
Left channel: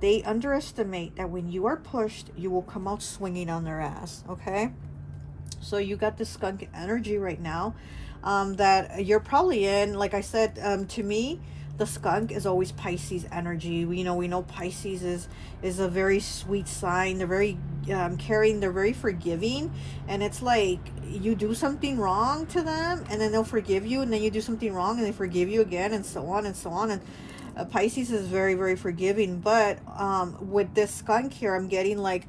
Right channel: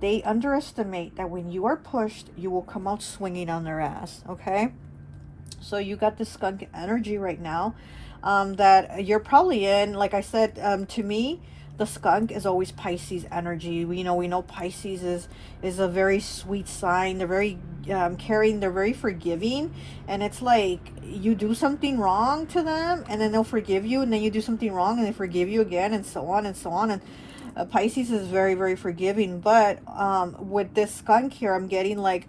They underestimate that when you are pushed, you will come out swinging on their ass, okay? So you got the skunk energy right now that you're probably in. Like I said, to me, the skunk is always Pisces energy. We know Pisces is a very sweet sign. They're very caring. They're very forgiving. And it's like you do something wrong to them and then they'll forgive you. And then you do something wrong and they forgive you again, and so on and so on. And Pisces is very, very forgiving. But with this skunk here, I'm getting like,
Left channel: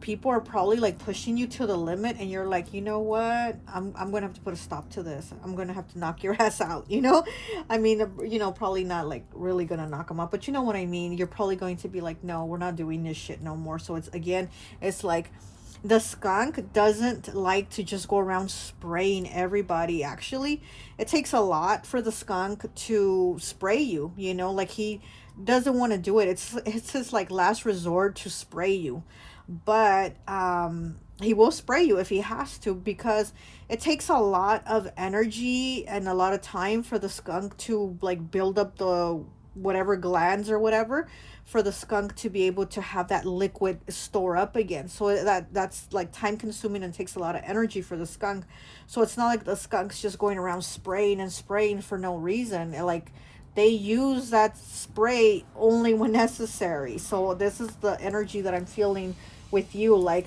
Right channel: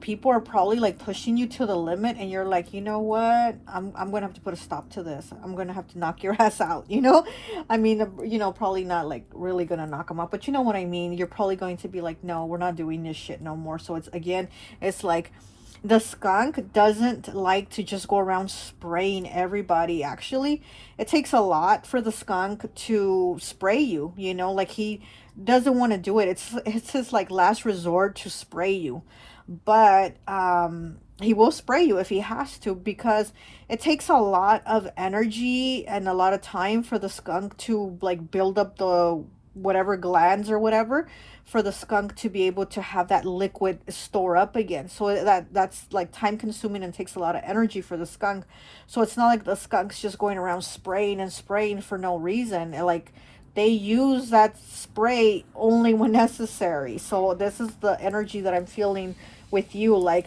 people are probably like pushing you to the limit, and you're like, you know what? I'm going to have to put a stop to this. I'm going to have to knock your ass out, I mean, probably not like really going to knock them out, but you know what I mean? You're probably going to be like, no, we're not doing this shit no more. So it's like, the skunk doesn't like to just go around spraying everybody. Actually, it takes a lot for the skunk to spray you, like he doesn't want to do it. It's his like last resort to spray you. But he will spray you if he has to, because it takes a lot of energy and a lot of time for the skunk to like build up whatever glands or whatever, for the skunk to be able to have that liquid store up again. So that's like time consuming and takes a lot of energy for the skunk. So it's not like the skunk's just going around spraying and spraying for no reason. Like, they use that spray only when necessary. So this is the energy that I'm feeling with you. Like,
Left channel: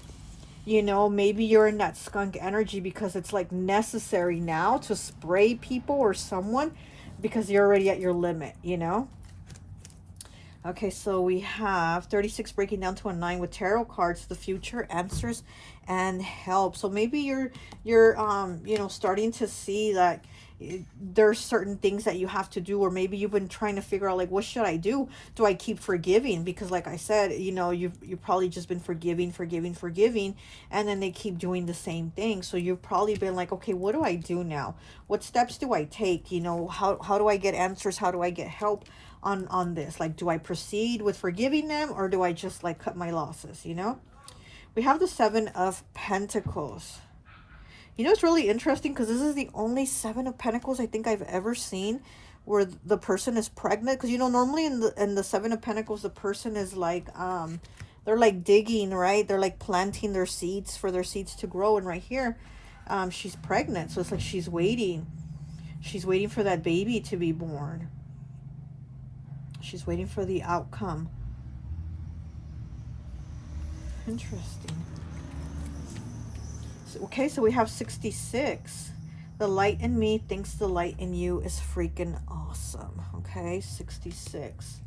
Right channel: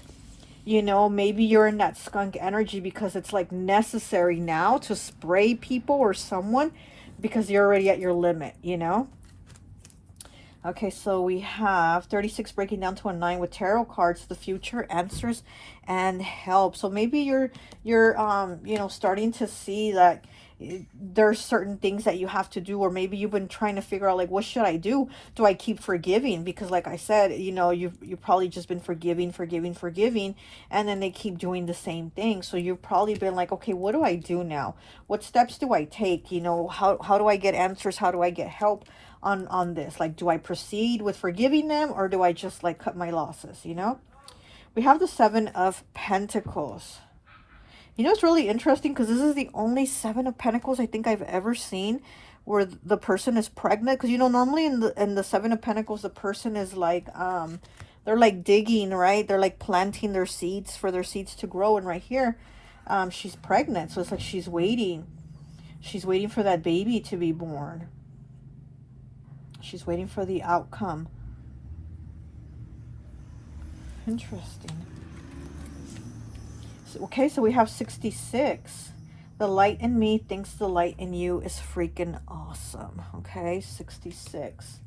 maybe you're in that skunk energy because it's like necessary now to spray people or someone because you're already at your limit. Okay, so we have 36 breaking down to a 9 with tarot cards, the future, answers, and help. So maybe you're starting to see that there's certain things that you have to do, or maybe you've been trying to figure out, like, what should I do? Do I keep forgiving? Because like I said, you've probably just been forgiving, and then they keep doing the same thing. So you've probably been like, okay, what do I do now? What steps do I take? How do I get answers? How do I get help on this? Like, do I proceed with forgiving them, or do I just like cut my losses? We have the 7 of Pentacles. It's really interesting because this is the only 7 of Pentacles I think I've ever seen where the person is pregnant. Because normally in the 7 of Pentacles, the person is like they're like digging, right? They're like planting their seeds for their seeds to grow. And right here, she's pregnant, so it's like she's waiting for that baby to be born. She's waiting for the outcome. Interesting. Okay, so we have 66. The light in me thinks the light in you is freaking awesome. Okay, 66.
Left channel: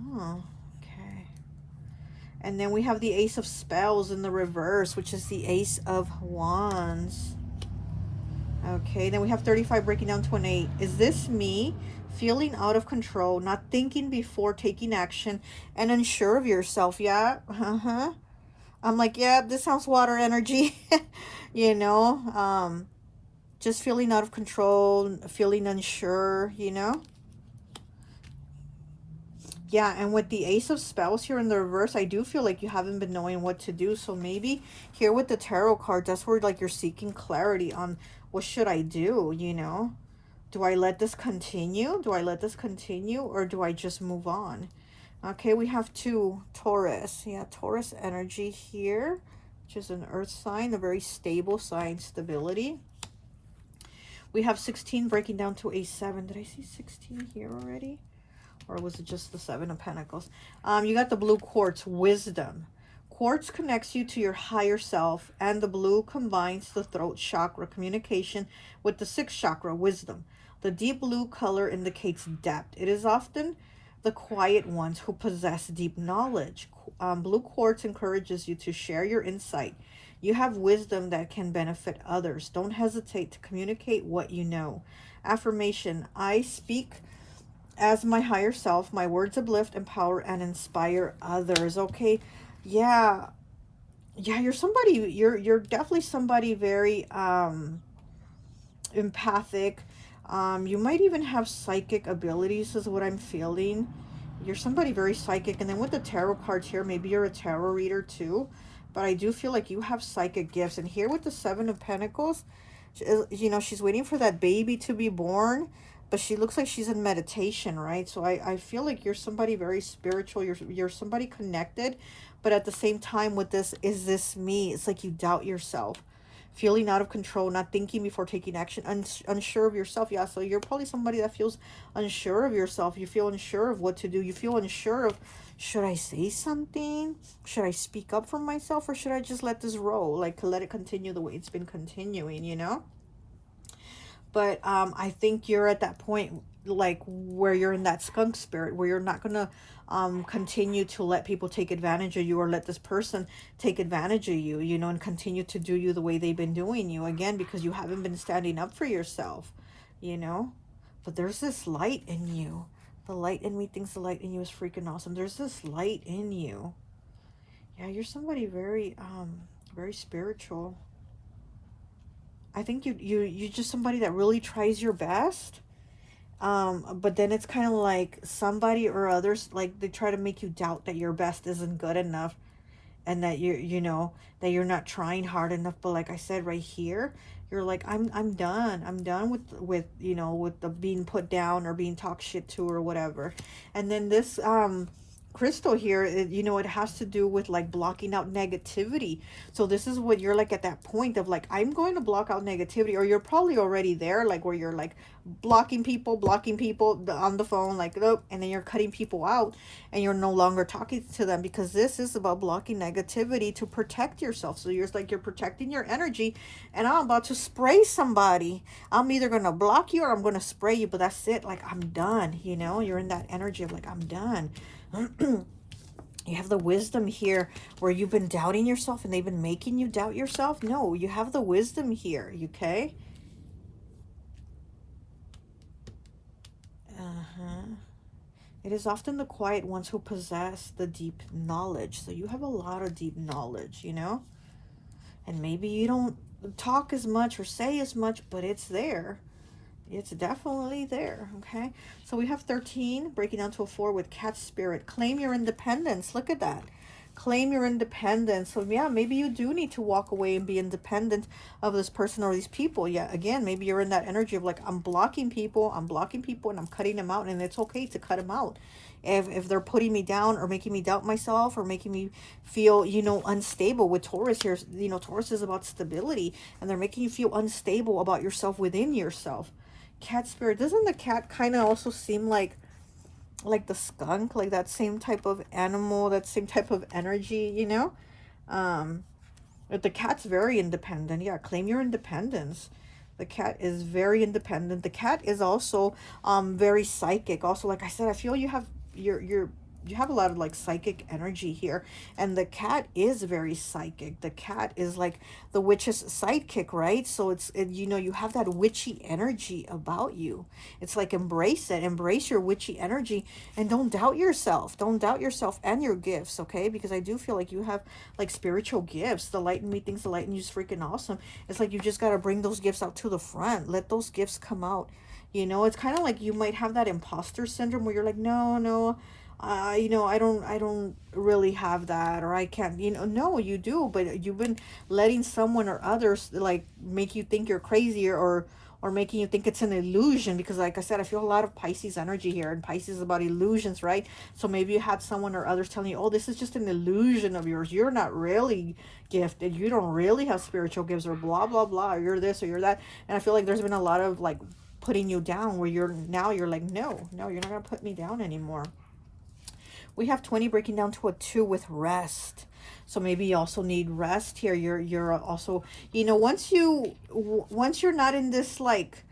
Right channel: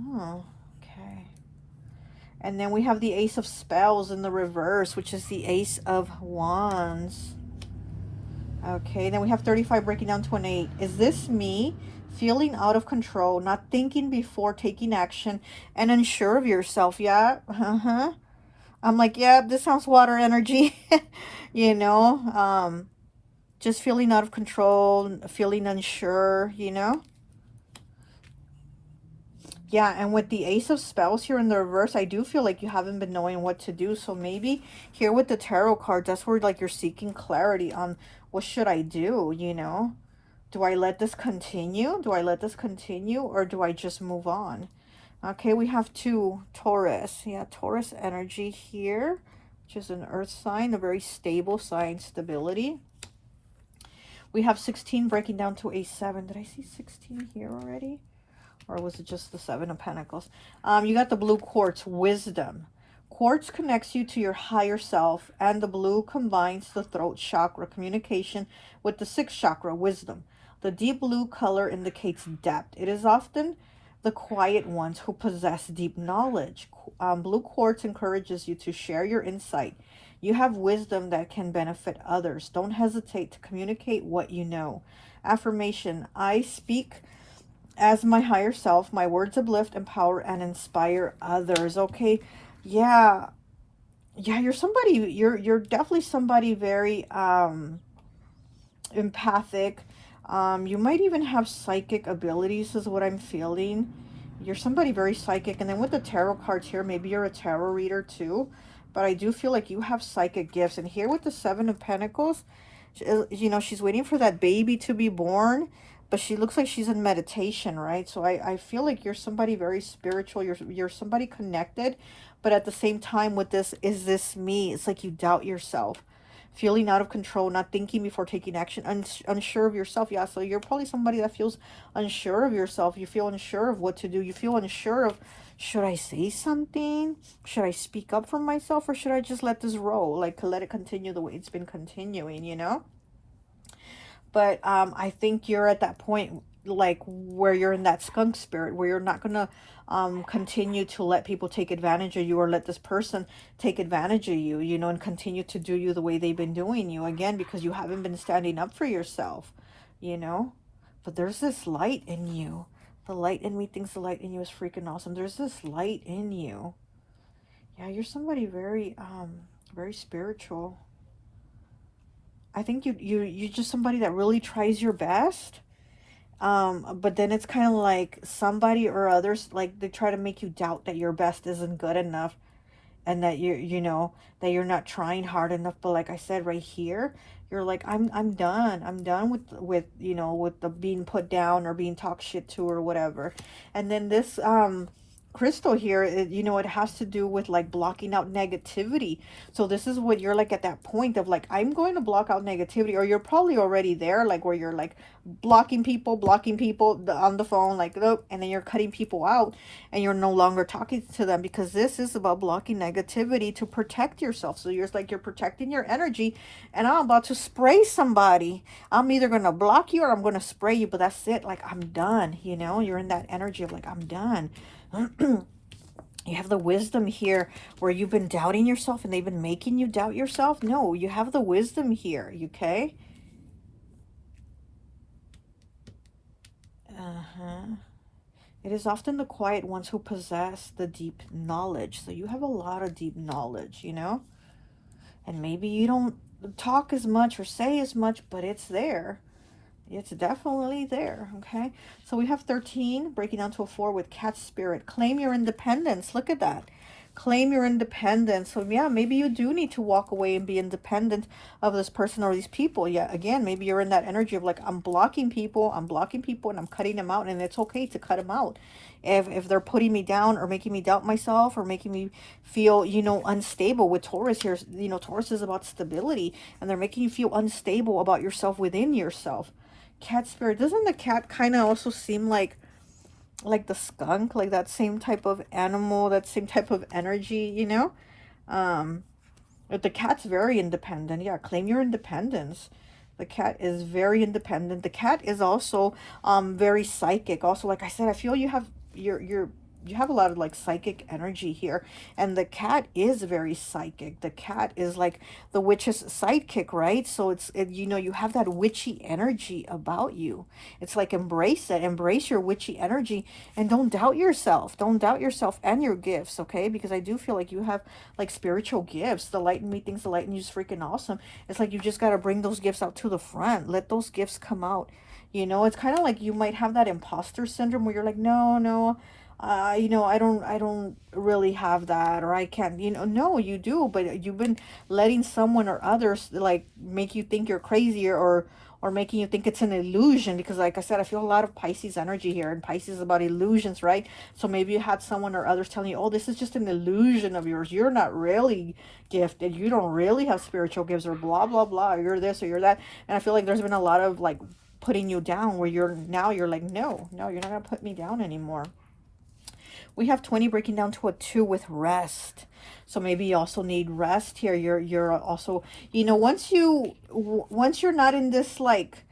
Oh, okay. And then we have the Ace of Spells in the reverse, which is the Ace of Wands. Okay, then we have 35 breaking down to an 8. Is this me feeling out of control, not thinking before taking action, and unsure of yourself? Yeah, I'm like, yeah, this sounds water energy. Just feeling out of control, feeling unsure. Yeah, and with the Ace of Spells here in the reverse, I do feel like you haven't been knowing what to do. So maybe here with the tarot card, that's where like you're seeking clarity on what should I do. Do I let this continue? Or do I just move on? Okay, we have 2, Taurus. Yeah, Taurus energy here, which is an earth sign, a very stable sign, stability. We have 16 breaking down to a 7. Did I see 16 here already? Or was it just the 7 of Pentacles? You got the blue quartz, wisdom. Quartz connects you to your higher self, and the blue combines the throat chakra, communication, with the 6th chakra, wisdom. The deep blue color indicates depth. It is often the quiet ones who possess deep knowledge. Blue quartz encourages you to share your insight. You have wisdom that can benefit others. Don't hesitate to communicate what you know. Affirmation: I speak as my higher self. My words uplift, empower, and inspire others. Okay, yeah, you're definitely somebody very empathic. You might even have psychic abilities, is what I'm feeling. You're somebody very psychic. And then with the tarot cards here, maybe you're a tarot reader too. But I do feel like you have psychic gifts. And here with the 7 of Pentacles, she's waiting for that baby to be born. But she looks like she's in meditation, right? So I feel like you're somebody very spiritual. You're somebody connected. But at the same time with this, is this me? It's like you doubt yourself. Feeling out of control, not thinking before taking action, unsure of yourself. Yeah, so you're probably somebody that feels unsure of yourself. You feel unsure of what to do. You feel unsure of, should I say something? Should I speak up for myself? Or should I just let this roll? Like, let it continue the way it's been continuing. But I think you're at that point, like, where you're in that skunk spirit, where you're not going to continue to let people take advantage of you, or let this person take advantage of you, and continue to do you the way they've been doing you, again, because you haven't been standing up for yourself. But there's this light in you. The light in me thinks the light in you is freaking awesome. There's this light in you. Yeah, you're somebody very, very spiritual. I think you're just somebody that really tries your best. But then it's kind of like somebody or others, like, they try to make you doubt that your best isn't good enough, and that that you're not trying hard enough. But like I said, right here, You're like, I'm done. I'm done with you know, with the being put down or being talked shit to or whatever. And then this crystal here, you know, it has to do with like blocking out negativity. So this is what you're like at that point of like, I'm going to block out negativity, or you're probably already there, like where you're like blocking people on the phone, like, nope, and then you're cutting people out and you're no longer talking to them, because this is about blocking negativity to protect yourself. So you're like, you're protecting your energy, and I'm about to spray somebody. I'm either going to block you or I'm going to spray you, but that's it. Like, I'm done, you know, you're in that energy of like, I'm done. You have the wisdom here, where you've been doubting yourself and they've been making you doubt yourself. No, you have the wisdom here, okay? It is often the quiet ones who possess the deep knowledge. So you have a lot of deep knowledge, you know? And maybe you don't talk as much or say as much, but it's there. It's definitely there, okay? So we have 13, breaking down to a 4 with cat spirit. Claim your independence. Look at that. Claim your independence. So yeah, maybe you do need to walk away and be independent of this person or these people. Yeah, again, maybe you're in that energy of like, I'm blocking people and I'm cutting them out, and it's okay to cut them out. If they're putting me down or making me doubt myself or making me feel, you know, unstable. With Taurus here, you know, Taurus is about stability, and they're making you feel unstable about yourself within yourself. Cat spirit, doesn't the cat kind of also seem like the skunk, like that same type of animal, that same type of energy, you know? But the cat's very independent. Yeah, claim your independence. The cat is very independent. The cat is also very psychic. Also, like I said, I feel you have you have a lot of like psychic energy here, and the cat is very psychic. The cat is like the witch's sidekick, right? So you know, you have that witchy energy about you. It's like, embrace it, embrace your witchy energy, and don't doubt yourself. Don't doubt yourself and your gifts, okay? Because I do feel like you have like spiritual gifts. The light in me thinks the light in you is freaking awesome. It's like you just got to bring those gifts out to the front. Let those gifts come out. You know, it's kind of like you might have that imposter syndrome where you're like, no, no, you know, I don't really have that, or I can't, you know. No, you do, but you've been letting someone or others like make you think you're crazy, or making you think it's an illusion, because like I said, I feel a lot of Pisces energy here, and Pisces is about illusions, right? So maybe you had someone or others telling you, oh, this is just an illusion of yours. You're not really gifted. You don't really have spiritual gifts, or blah, blah, blah. Or you're this or you're that. And I feel like there's been a lot of like putting you down, where you're like, no, no, you're not going to put me down anymore. We have 20, breaking down to a 2 with rest. So maybe you also need rest here. You're also, you know, once you're not in this like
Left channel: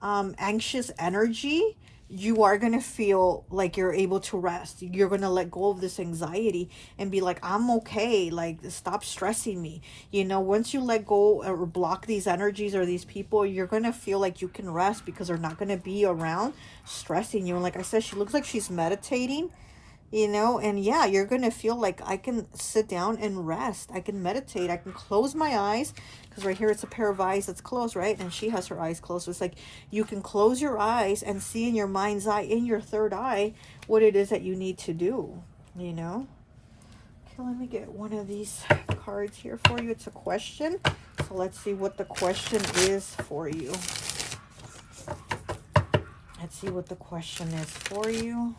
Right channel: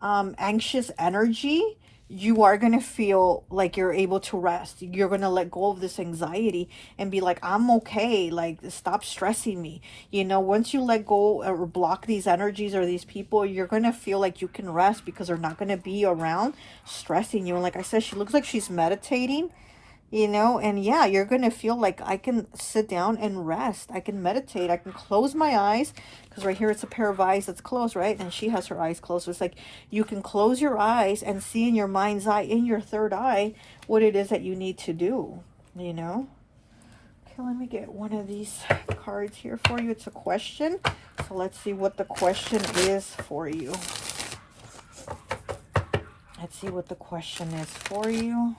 anxious energy, you are going to feel like you're able to rest. You're going to let go of this anxiety and be like, I'm okay. Like, stop stressing me. You know, once you let go or block these energies or these people, you're going to feel like you can rest, because they're not going to be around stressing you. And like I said, she looks like she's meditating, you know. And yeah, you're gonna feel like, I can sit down and rest, I can meditate, I can close my eyes, because right here it's a pair of eyes that's closed, right? And she has her eyes closed. So it's like you can close your eyes and see in your mind's eye, in your third eye, what it is that you need to do, you know. Okay, let me get one of these cards here for you. It's a question, so let's see what the question is for you. Let's see what the question is for you.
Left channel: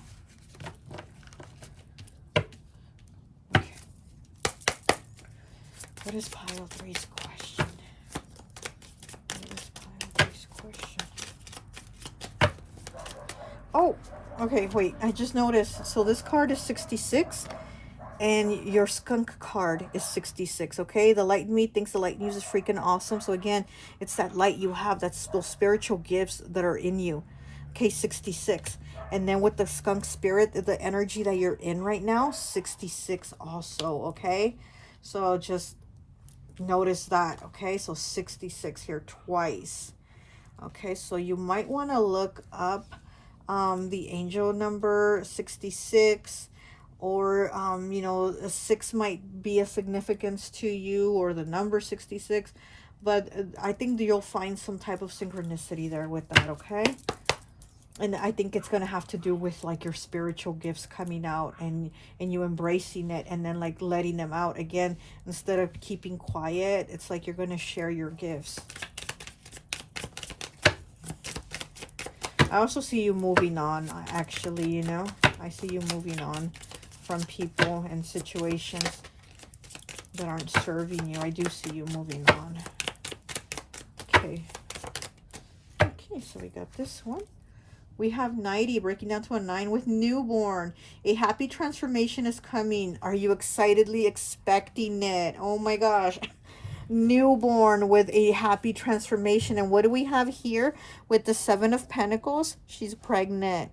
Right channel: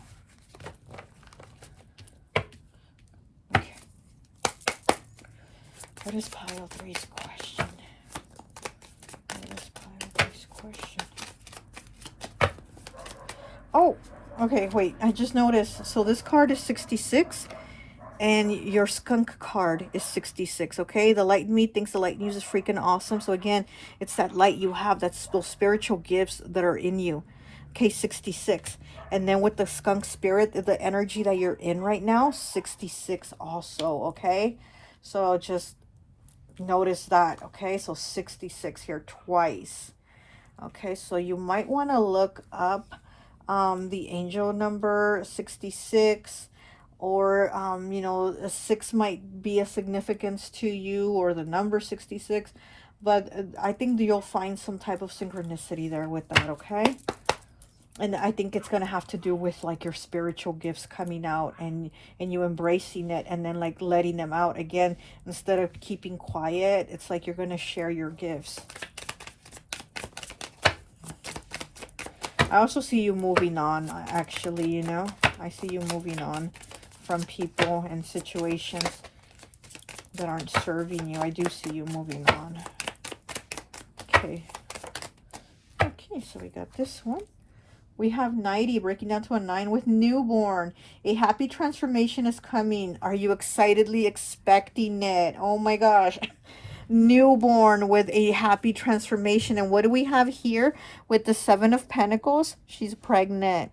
What is pile 3's question? What is pile 3's question? Oh, okay, wait. I just noticed. So this card is 66, and your skunk card is 66, okay? The light in me thinks the light in you is freaking awesome. So again, it's that light you have, that's those spiritual gifts that are in you. Okay, 66. And then with the skunk spirit, the energy that you're in right now, 66 also, okay? So just notice that, okay? So 66 here twice. Okay, so you might want to look up the angel number 66, or you know, a 6 might be a significance to you, or the number 66, but I think you'll find some type of synchronicity there with that, okay? And I think it's going to have to do with like your spiritual gifts coming out, and you embracing it, and then like letting them out again. Instead of keeping quiet, it's like you're going to share your gifts. I also see you moving on, actually, you know. I see you moving on from people and situations that aren't serving you. I do see you moving on. Okay. Okay, so we got this one. We have 90, breaking down to a 9 with newborn. A happy transformation is coming. Are you excitedly expecting it? Oh my gosh. Newborn with a happy transformation. And what do we have here with the 7 of Pentacles? She's pregnant.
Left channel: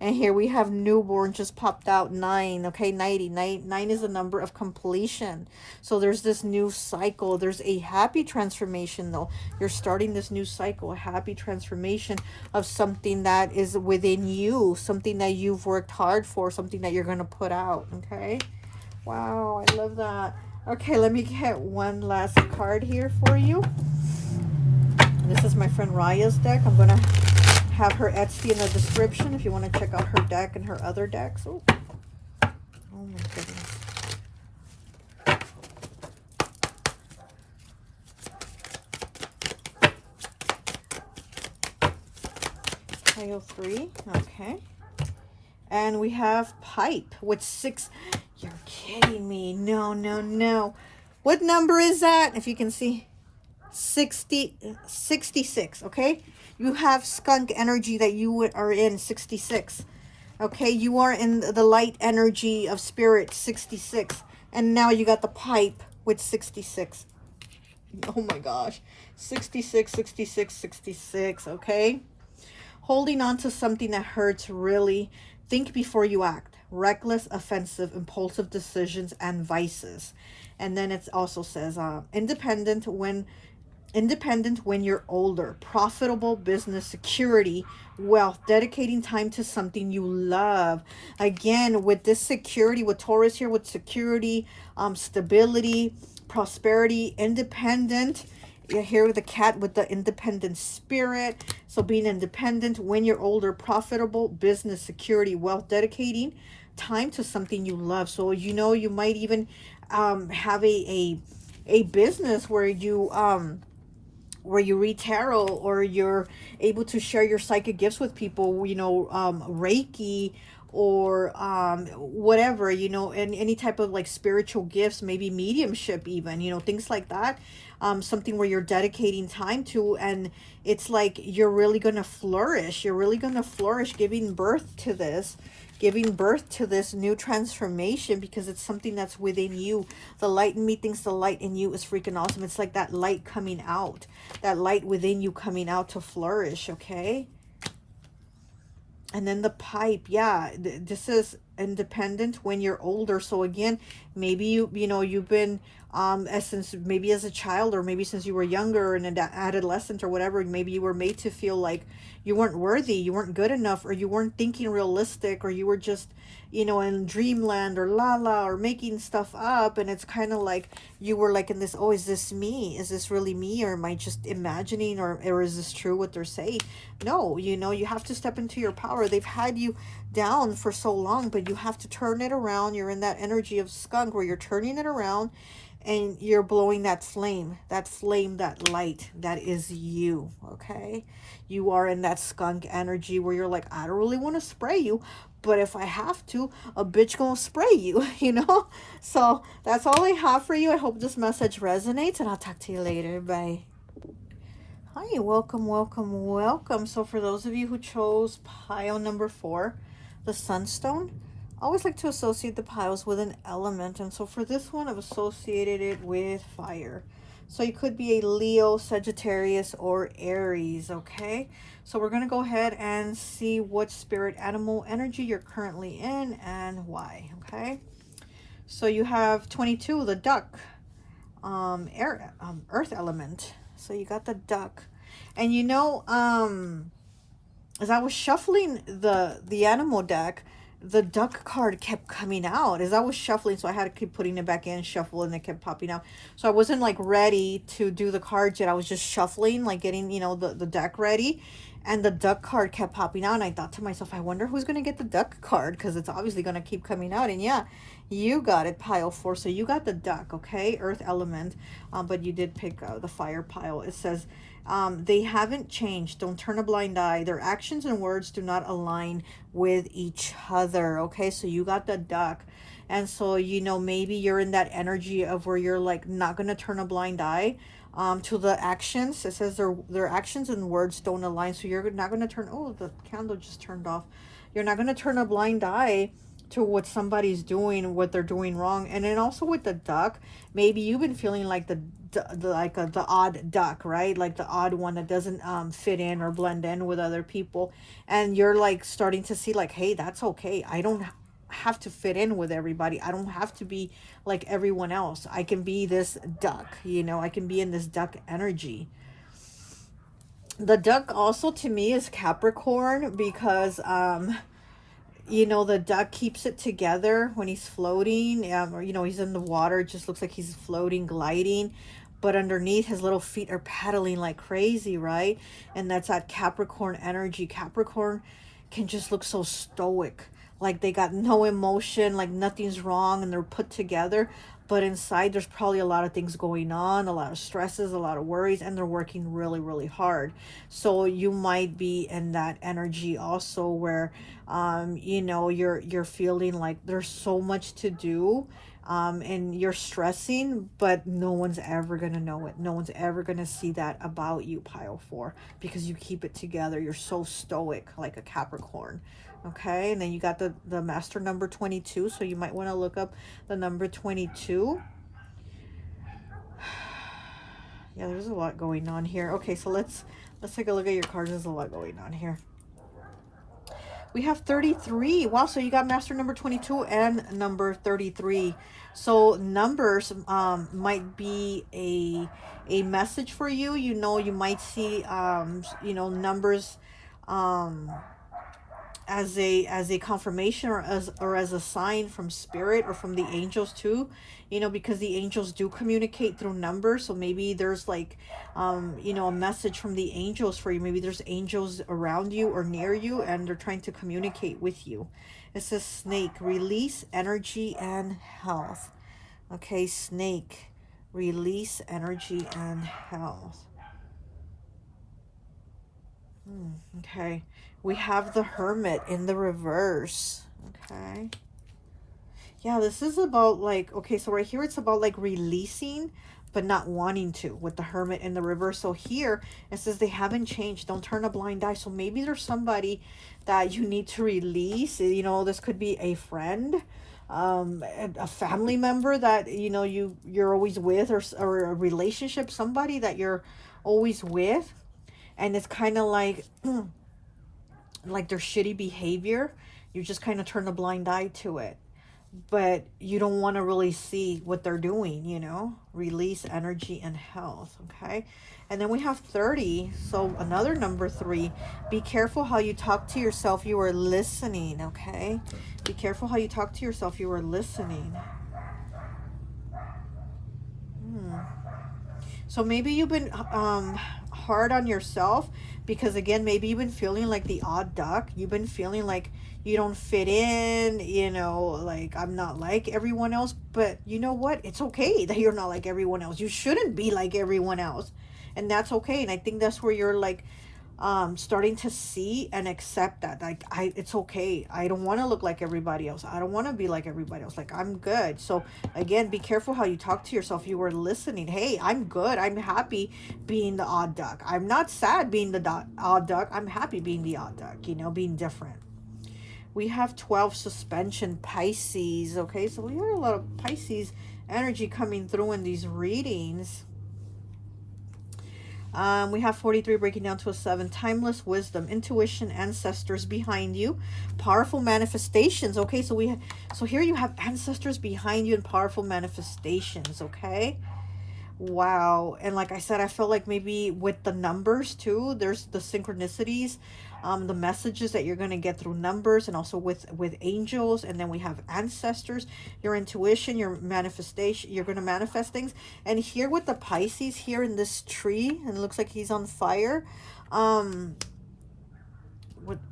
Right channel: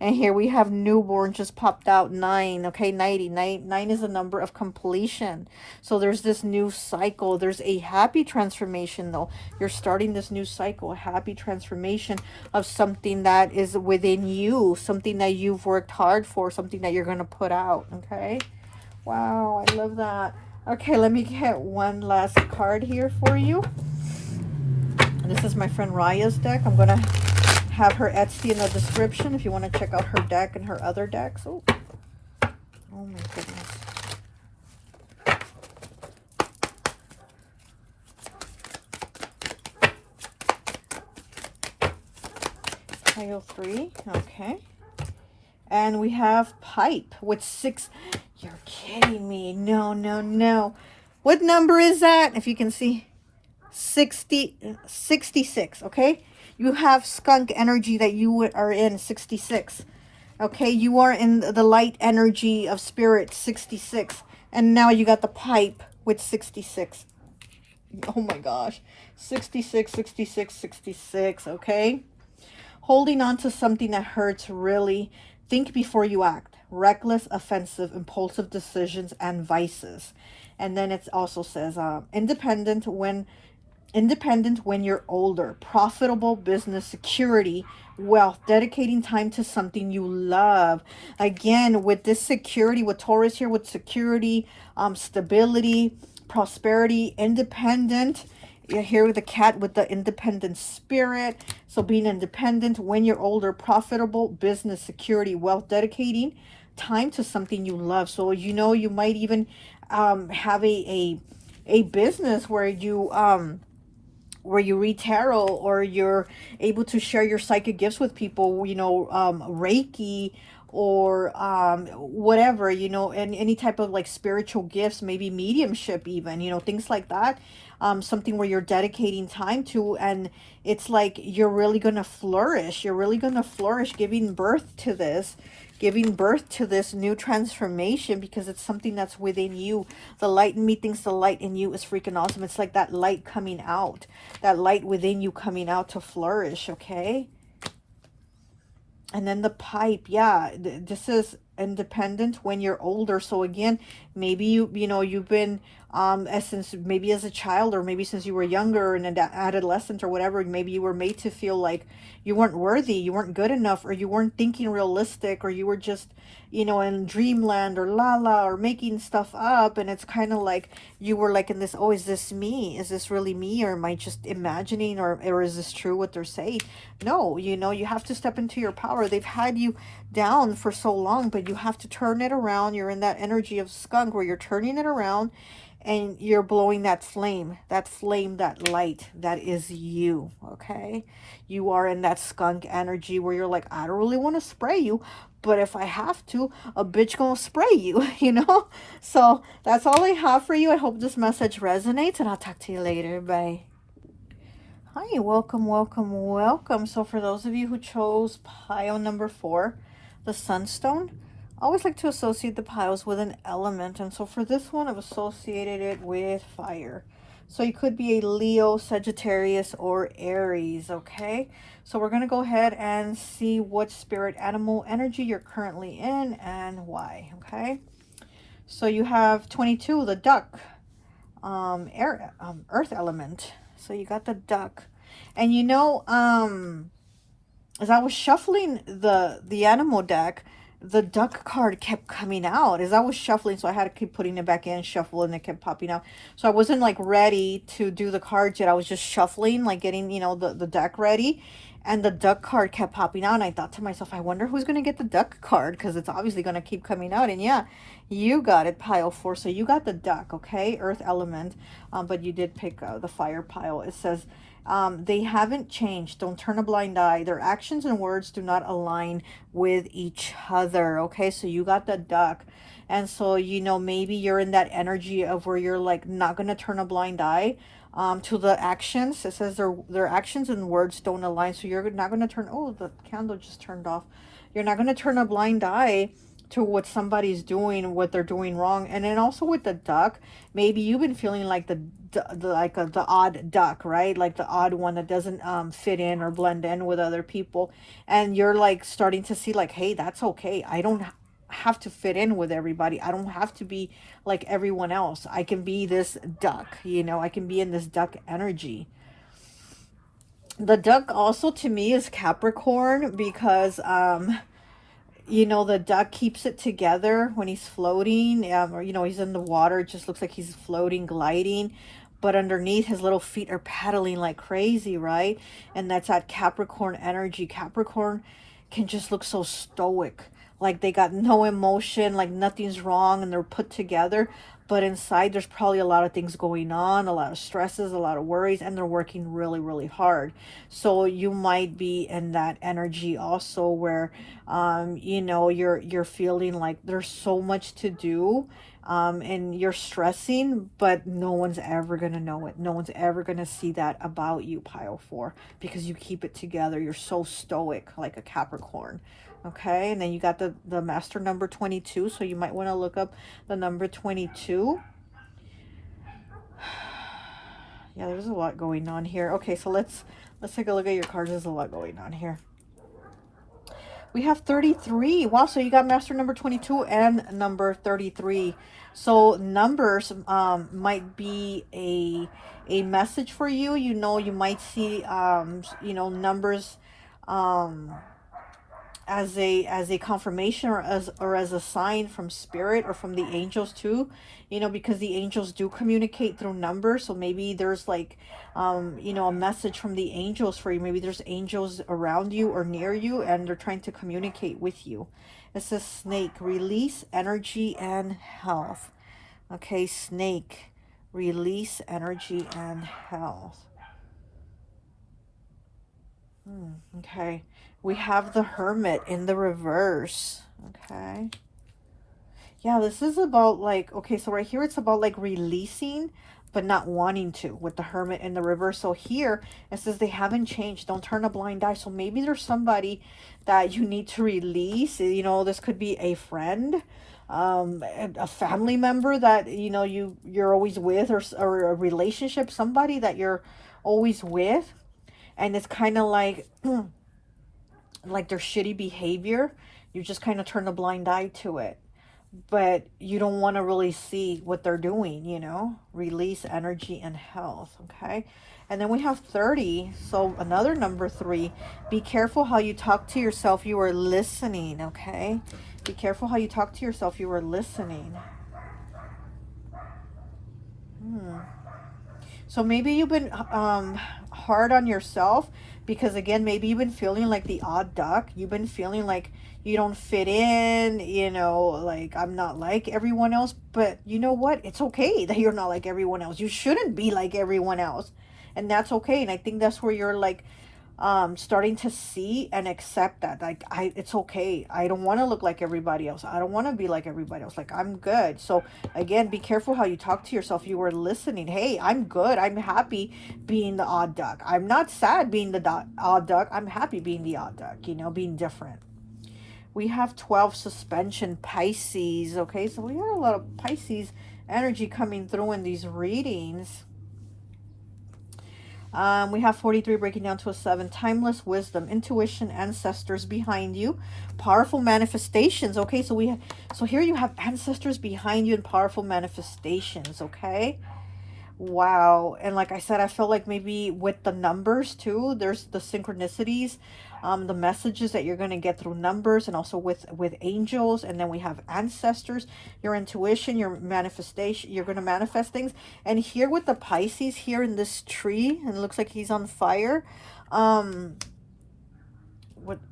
And here we have newborn just popped out, 9. Okay, 90. 9 is a number of completion. So there's this new cycle. There's a happy transformation, though. You're starting this new cycle, a happy transformation of something that is within you, something that you've worked hard for, something that you're going to put out. Okay. Wow, I love that. Okay, let me get one last card here for you. This is my friend Raya's deck. I'm going to have her Etsy in the description if you want to check out her deck and her other decks. Oh, oh my goodness. Pile 3, okay. And we have pipe with 6. You're kidding me. No, no, no. What number is that? If you can see. 66, okay? You have skunk energy that you are in, 66. Okay, you are in the light energy of spirit, 66. And now you got the pipe with 66. Oh my gosh. 66, 66, 66, okay? Holding on to something that hurts, really. Think before you act. Reckless, offensive, impulsive decisions, and vices. And then it also says independent when you're older. Profitable business, security, wealth, dedicating time to something you love. Again, with this security, with Taurus here, with security, stability, prosperity, independent. You're here with the cat with the independent spirit. So being independent when you're older, profitable, business, security, wealth, dedicating time to something you love. So, you know, you might even have a business where you read tarot, or you're able to share your psychic gifts with people, you know, Reiki, or whatever, you know, and any type of like spiritual gifts, maybe mediumship even, you know, things like that. Something where you're dedicating time to, and it's like you're really going to flourish. You're really going to flourish giving birth to this new transformation, because it's something that's within you. The light in me thinks the light in you is freaking awesome. It's like that light coming out, that light within you coming out to flourish, okay? And then the pipe, yeah, this is independent when you're older. So again, maybe you know, you've been since maybe as a child, or maybe since you were younger and an adolescent or whatever, maybe you were made to feel like you weren't worthy, you weren't good enough, or you weren't thinking realistic, or you were just, you know, in dreamland or la or making stuff up. And it's kind of like you were like in this, oh, is this me? Is this really me? Or am I just imagining? Or is this true what they're saying? No, you know, you have to step into your power. They've had you down for so long, but you have to turn it around. You're in that energy of skunk where you're turning it around, and you're blowing that flame, that light that is you, okay? You are in that skunk energy where you're like, I don't really want to spray you, but if I have to, a bitch gonna spray you, you know? So that's all I have for you. I hope this message resonates, and I'll talk to you later. Bye. Hi, welcome, welcome, welcome. So for those of you who chose pile number 4, the Sunstone, I always like to associate the piles with an element. And so for this one, I've associated it with fire. So you could be a Leo, Sagittarius, or Aries, okay? So we're going to go ahead and see what spirit animal energy you're currently in and why, okay? So you have 22, the duck, earth element. So you got the duck. And you know, as I was shuffling the animal deck, the duck card kept coming out as I was shuffling, so I had to keep putting it back in, shuffle, and it kept popping out. So I wasn't like ready to do the cards yet. I was just shuffling, like getting, you know, the deck ready. And the duck card kept popping out, and I thought to myself, I wonder who's going to get the duck card, because it's obviously going to keep coming out. And yeah, you got it, pile 4. So you got the duck, okay, earth element, but you did pick the fire pile. It says they haven't changed. Don't turn a blind eye. Their actions and words do not align with each other, okay? So you got the duck. And so, you know, maybe you're in that energy of where you're like not going to turn a blind eye to the actions. It says their actions and words don't align. So you're not going to turn, oh, the candle just turned off. You're not going to turn a blind eye to what somebody's doing, what they're doing wrong. And then also with the duck, maybe you've been feeling like the odd duck, right? Like the odd one that doesn't fit in or blend in with other people. And you're like starting to see like, hey, that's okay. I don't have to fit in with everybody. I don't have to be like everyone else. I can be this duck, you know, I can be in this duck energy. The duck also to me is Capricorn, because you know, the duck keeps it together when he's floating, or you know, he's in the water. It just looks like he's floating, gliding, but underneath his little feet are paddling like crazy, right? And that's that Capricorn energy. Capricorn can just look so stoic, like they got no emotion, like nothing's wrong, and they're put together. But inside, there's probably a lot of things going on, a lot of stresses, a lot of worries, and they're working really, really hard. So you might be in that energy also, where, you know, you're feeling like there's so much to do, and you're stressing, but no one's ever gonna know it. No one's ever gonna see that about you, pile 4, because you keep it together. You're so stoic, like a Capricorn. Okay, and then you got the master number 22, so you might want to look up the number 22. Yeah, there's a lot going on here. Okay, so let's take a look at your cards. There's a lot going on here. We have 33. Wow, so you got master number 22 and number 33. So numbers might be a message for you. You know, you might see you know, numbers as a confirmation, or as a sign from spirit or from the angels too, you know, because the angels do communicate through numbers. So maybe there's like you know, a message from the angels for you. Maybe there's angels around you or near you, and they're trying to communicate with you. It says snake, release energy and health. Okay, snake, release energy and health. Okay, we have the hermit in the reverse. Okay, yeah, this is about like, okay, so right here it's about like releasing but not wanting to, with the hermit in the reverse. So here it says they haven't changed. Don't turn a blind eye. So maybe there's somebody that you need to release. You know, this could be a friend, a family member that, you know, you're always with, or a relationship, somebody that you're always with, and it's kind of like like their shitty behavior. You just kind of turn a blind eye to it, but you don't want to really see what they're doing, you know. Release energy and health. Okay, and then we have 30. So another number 3. Be careful how you talk to yourself. You are listening. Okay, be careful how you talk to yourself. You are listening. So maybe you've been hard on yourself, because again, maybe you've been feeling like the odd duck. You've been feeling like you don't fit in, you know, like I'm not like everyone else. But you know what? It's okay that you're not like everyone else. You shouldn't be like everyone else. And that's okay. And I think that's where you're like starting to see and accept that, like, it's okay. I don't want to look like everybody else. I don't want to be like everybody else. Like, I'm good. So again, be careful how you talk to yourself. You were listening. Hey, I'm good. I'm happy being the odd duck. I'm not sad being the odd duck. I'm happy being the odd duck, you know, being different. We have 12, suspension, Pisces. Okay, so we have a lot of Pisces energy coming through in these readings. We have 43 breaking down to a 7. Timeless wisdom, intuition, ancestors behind you, powerful manifestations. Okay, so here you have ancestors behind you and powerful manifestations. Okay, wow. And like I said, I felt like maybe with the numbers too, there's the synchronicities, the messages that you're going to get through numbers, and also with angels. And then we have ancestors, your intuition, your manifestation. You're going to manifest things. And here with the Pisces here in this tree, and it looks like he's on fire.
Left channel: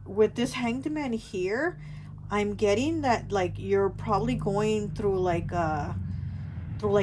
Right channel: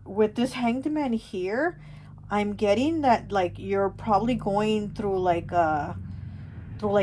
with this Hanged Man here, I'm getting that like you're probably going through like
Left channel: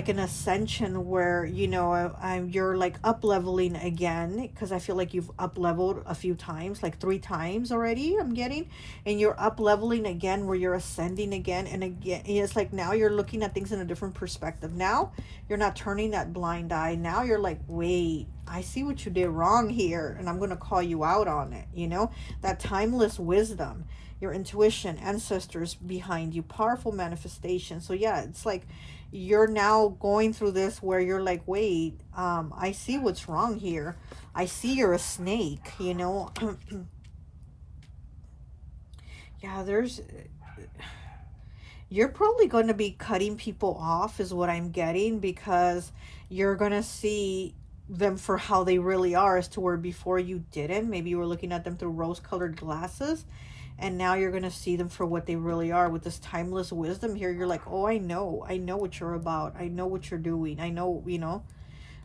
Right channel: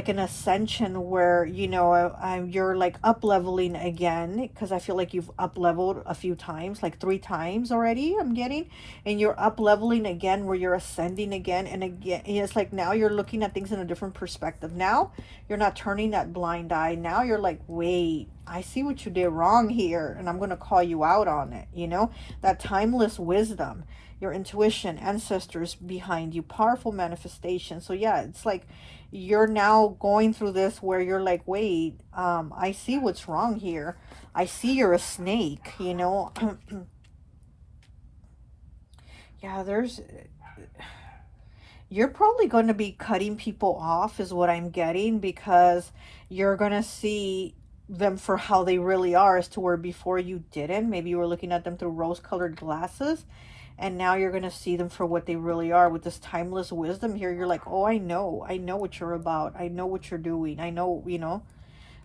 an ascension where, you know, you're like up leveling again, because I feel like you've up leveled a few times, like 3 times already I'm getting, and you're up leveling again where you're ascending again and again. And it's like now you're looking at things in a different perspective. Now you're not turning that blind eye. Now you're like, wait, I see what you did wrong here, and I'm going to call you out on it. You know, that timeless wisdom, your intuition, ancestors behind you, powerful manifestation. So yeah, it's like you're now going through this where you're like, wait, I see what's wrong here. I see you're a snake, you know. Yeah, you're probably going to be cutting people off is what I'm getting, because you're going to see them for how they really are, as to where before you didn't. Maybe you were looking at them through rose-colored glasses, and now you're going to see them for what they really are. With this timeless wisdom here, you're like, oh, I know what you're about. I know what you're doing. I know, you know.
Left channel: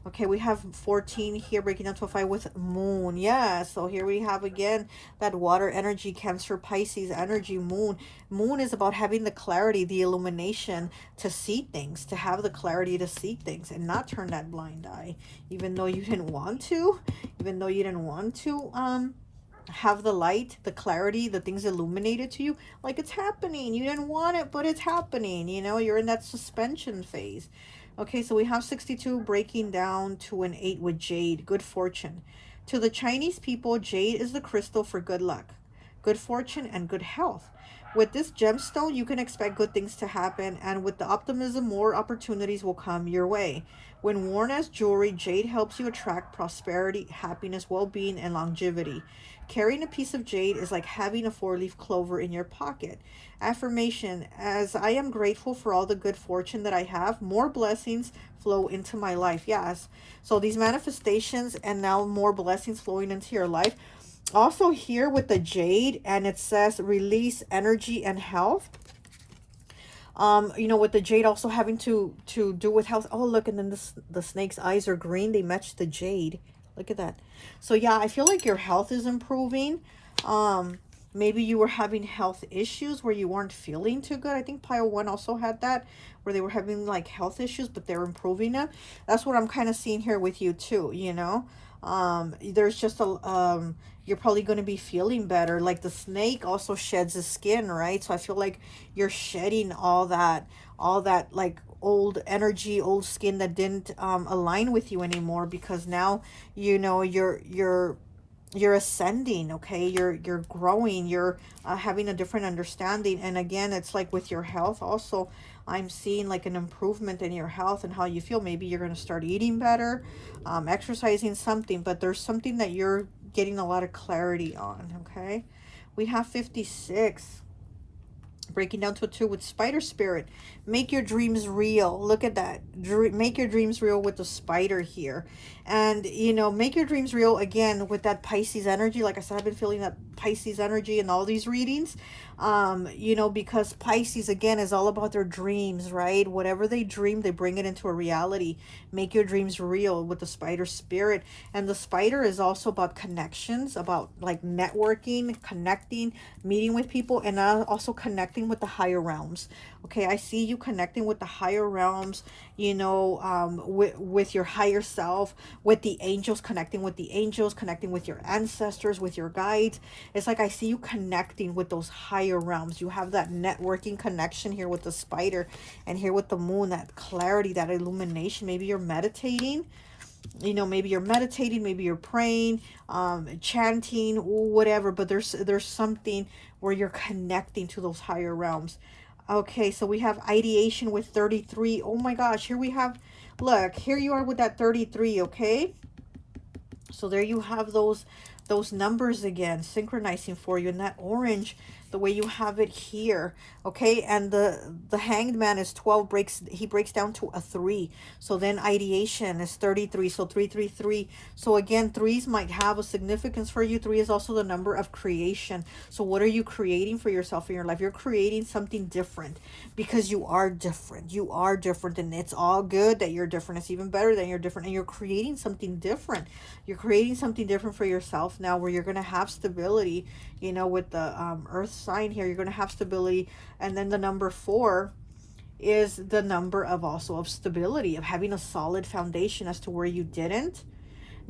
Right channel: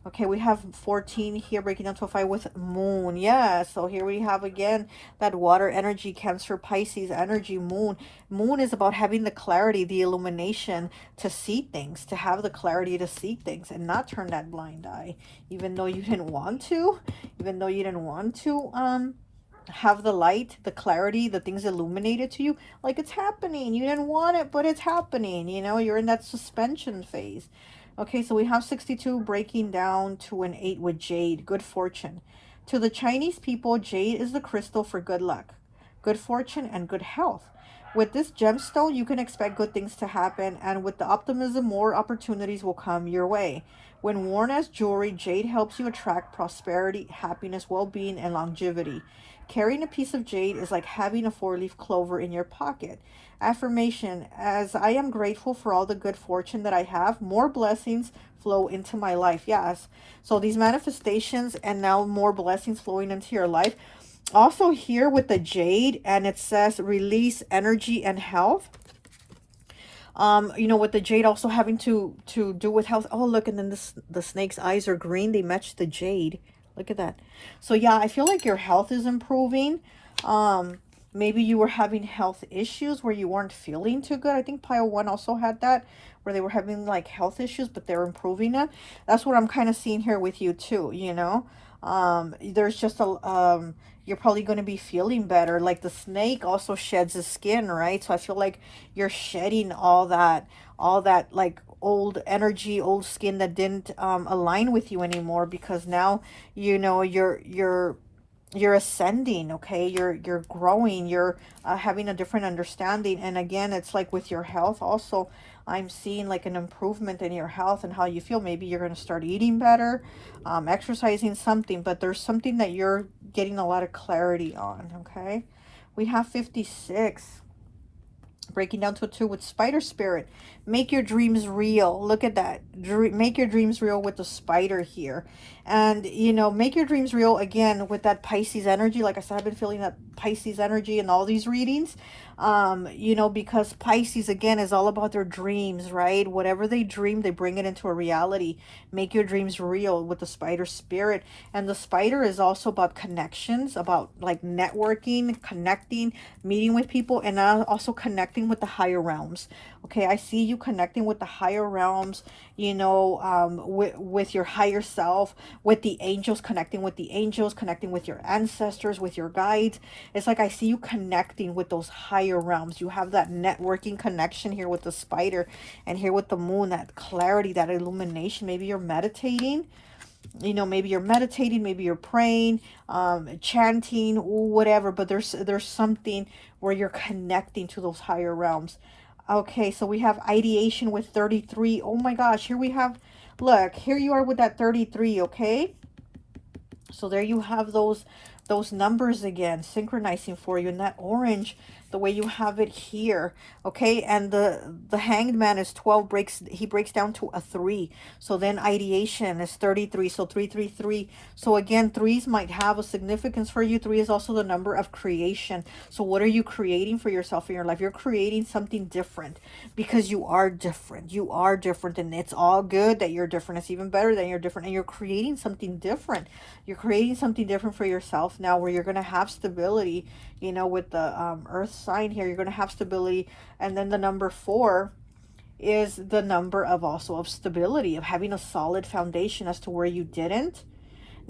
Okay, we have 14 here, breaking down to a 5 with moon. Yeah, so here we have again that water energy, Cancer, Pisces energy, moon. Moon is about having the clarity, the illumination to see things, to have the clarity to see things and not turn that blind eye, even though you didn't want to, have the light, the clarity, the things illuminated to you. Like, it's happening. You didn't want it, but it's happening. You know, you're in that suspension phase. Okay, so we have 62 breaking down to an 8 with jade, good fortune. To the Chinese people, jade is the crystal for good luck, good fortune, and good health. With this gemstone, you can expect good things to happen, and with the optimism, more opportunities will come your way. When worn as jewelry, jade helps you attract prosperity, happiness, well-being, and longevity. Carrying a piece of jade is like having a 4-leaf clover in your pocket. Affirmation: as I am grateful for all the good fortune that I have, more blessings flow into my life. Yes. So these manifestations, and now more blessings flowing into your life. Also here with the jade, and it says release energy and health. You know, with the jade also having to do with health. Oh, look, and then the snake's eyes are green. They match the jade. Look at that. So yeah, I feel like your health is improving. Maybe you were having health issues where you weren't feeling too good. I think pile 1 also had that, where they were having like health issues, but they're improving it. That's what I'm kind of seeing here with you too, you know. There's just you're probably going to be feeling better. Like the snake also sheds his skin, right? So I feel like you're shedding all that like old energy, old skin that didn't align with you anymore, because now, you know, you're ascending. Okay, you're growing, you're having a different understanding. And again, it's like with your health also, I'm seeing like an improvement in your health and how you feel. Maybe you're going to start eating better, exercising, something, but there's something that you're getting a lot of clarity on. Okay, we have 56 breaking down to a 2 with spider spirit. Make your dreams real. Look at that. Make your dreams real with the spider here. And, you know, make your dreams real again with that Pisces energy. Like I said, I've been feeling that Pisces energy in all these readings. You know, because Pisces, again, is all about their dreams, right? Whatever they dream, they bring it into a reality. Make your dreams real with the spider spirit. And the spider is also about connections, about like networking, connecting, meeting with people, and also connecting with the higher realms. Okay, I see you connecting with the higher realms, you know, with your higher self, with the angels, connecting with the angels, connecting with your ancestors, with your guides. It's like I see you connecting with those higher realms. You have that networking connection here with the spider, and here with the moon, that clarity, that illumination. Maybe you're meditating. You know, maybe you're meditating, maybe you're praying, chanting, whatever, but there's something where you're connecting to those higher realms. Okay, so we have ideation with 33. Oh my gosh, here we have, look, here you are with that 33, okay? So there you have those numbers again, synchronizing for you in that orange, the way you have it here. Okay, and the Hanged Man is 12, he breaks down to a 3. So then ideation is 33, so 333. So again, 3s might have a significance for you. 3 is also the number of creation. So what are you creating for yourself in your life? You're creating something different, because you are different. You are different, and it's all good that you're different. It's even better that you're different, and you're creating something different. You're creating something different for yourself month now where you're going to have stability, you know, with the earth sign here. You're going to have stability. And then the number 4 is the number of also of stability, of having a solid foundation as to where you didn't.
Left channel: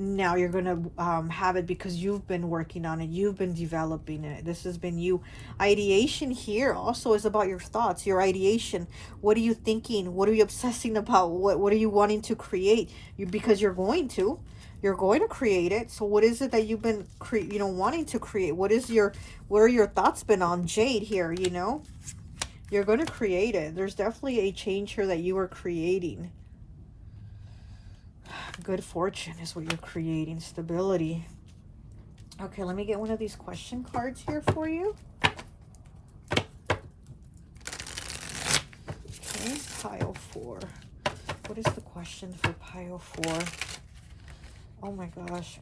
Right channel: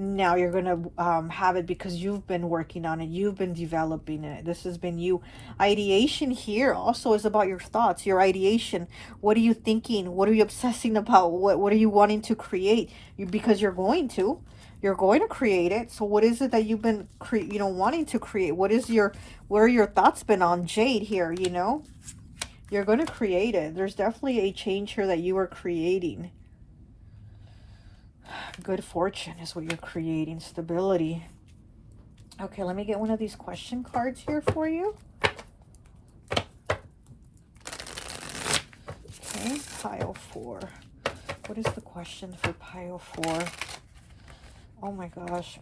Now you're going to have it because you've been working on it. You've been developing it. This has been you. Ideation here also is about your thoughts, your ideation. What are you thinking? What are you obsessing about? What are you wanting to create? Because you're going to. You're going to create it. So what is it that you've been, you know, wanting to create? What is where are your thoughts been on? Jade here, you know? You're going to create it. There's definitely a change here that you are creating. Good fortune is what you're creating. Stability. Okay, let me get one of these question cards here for you. Okay, pile 4. What is the question for pile 4? Oh my gosh.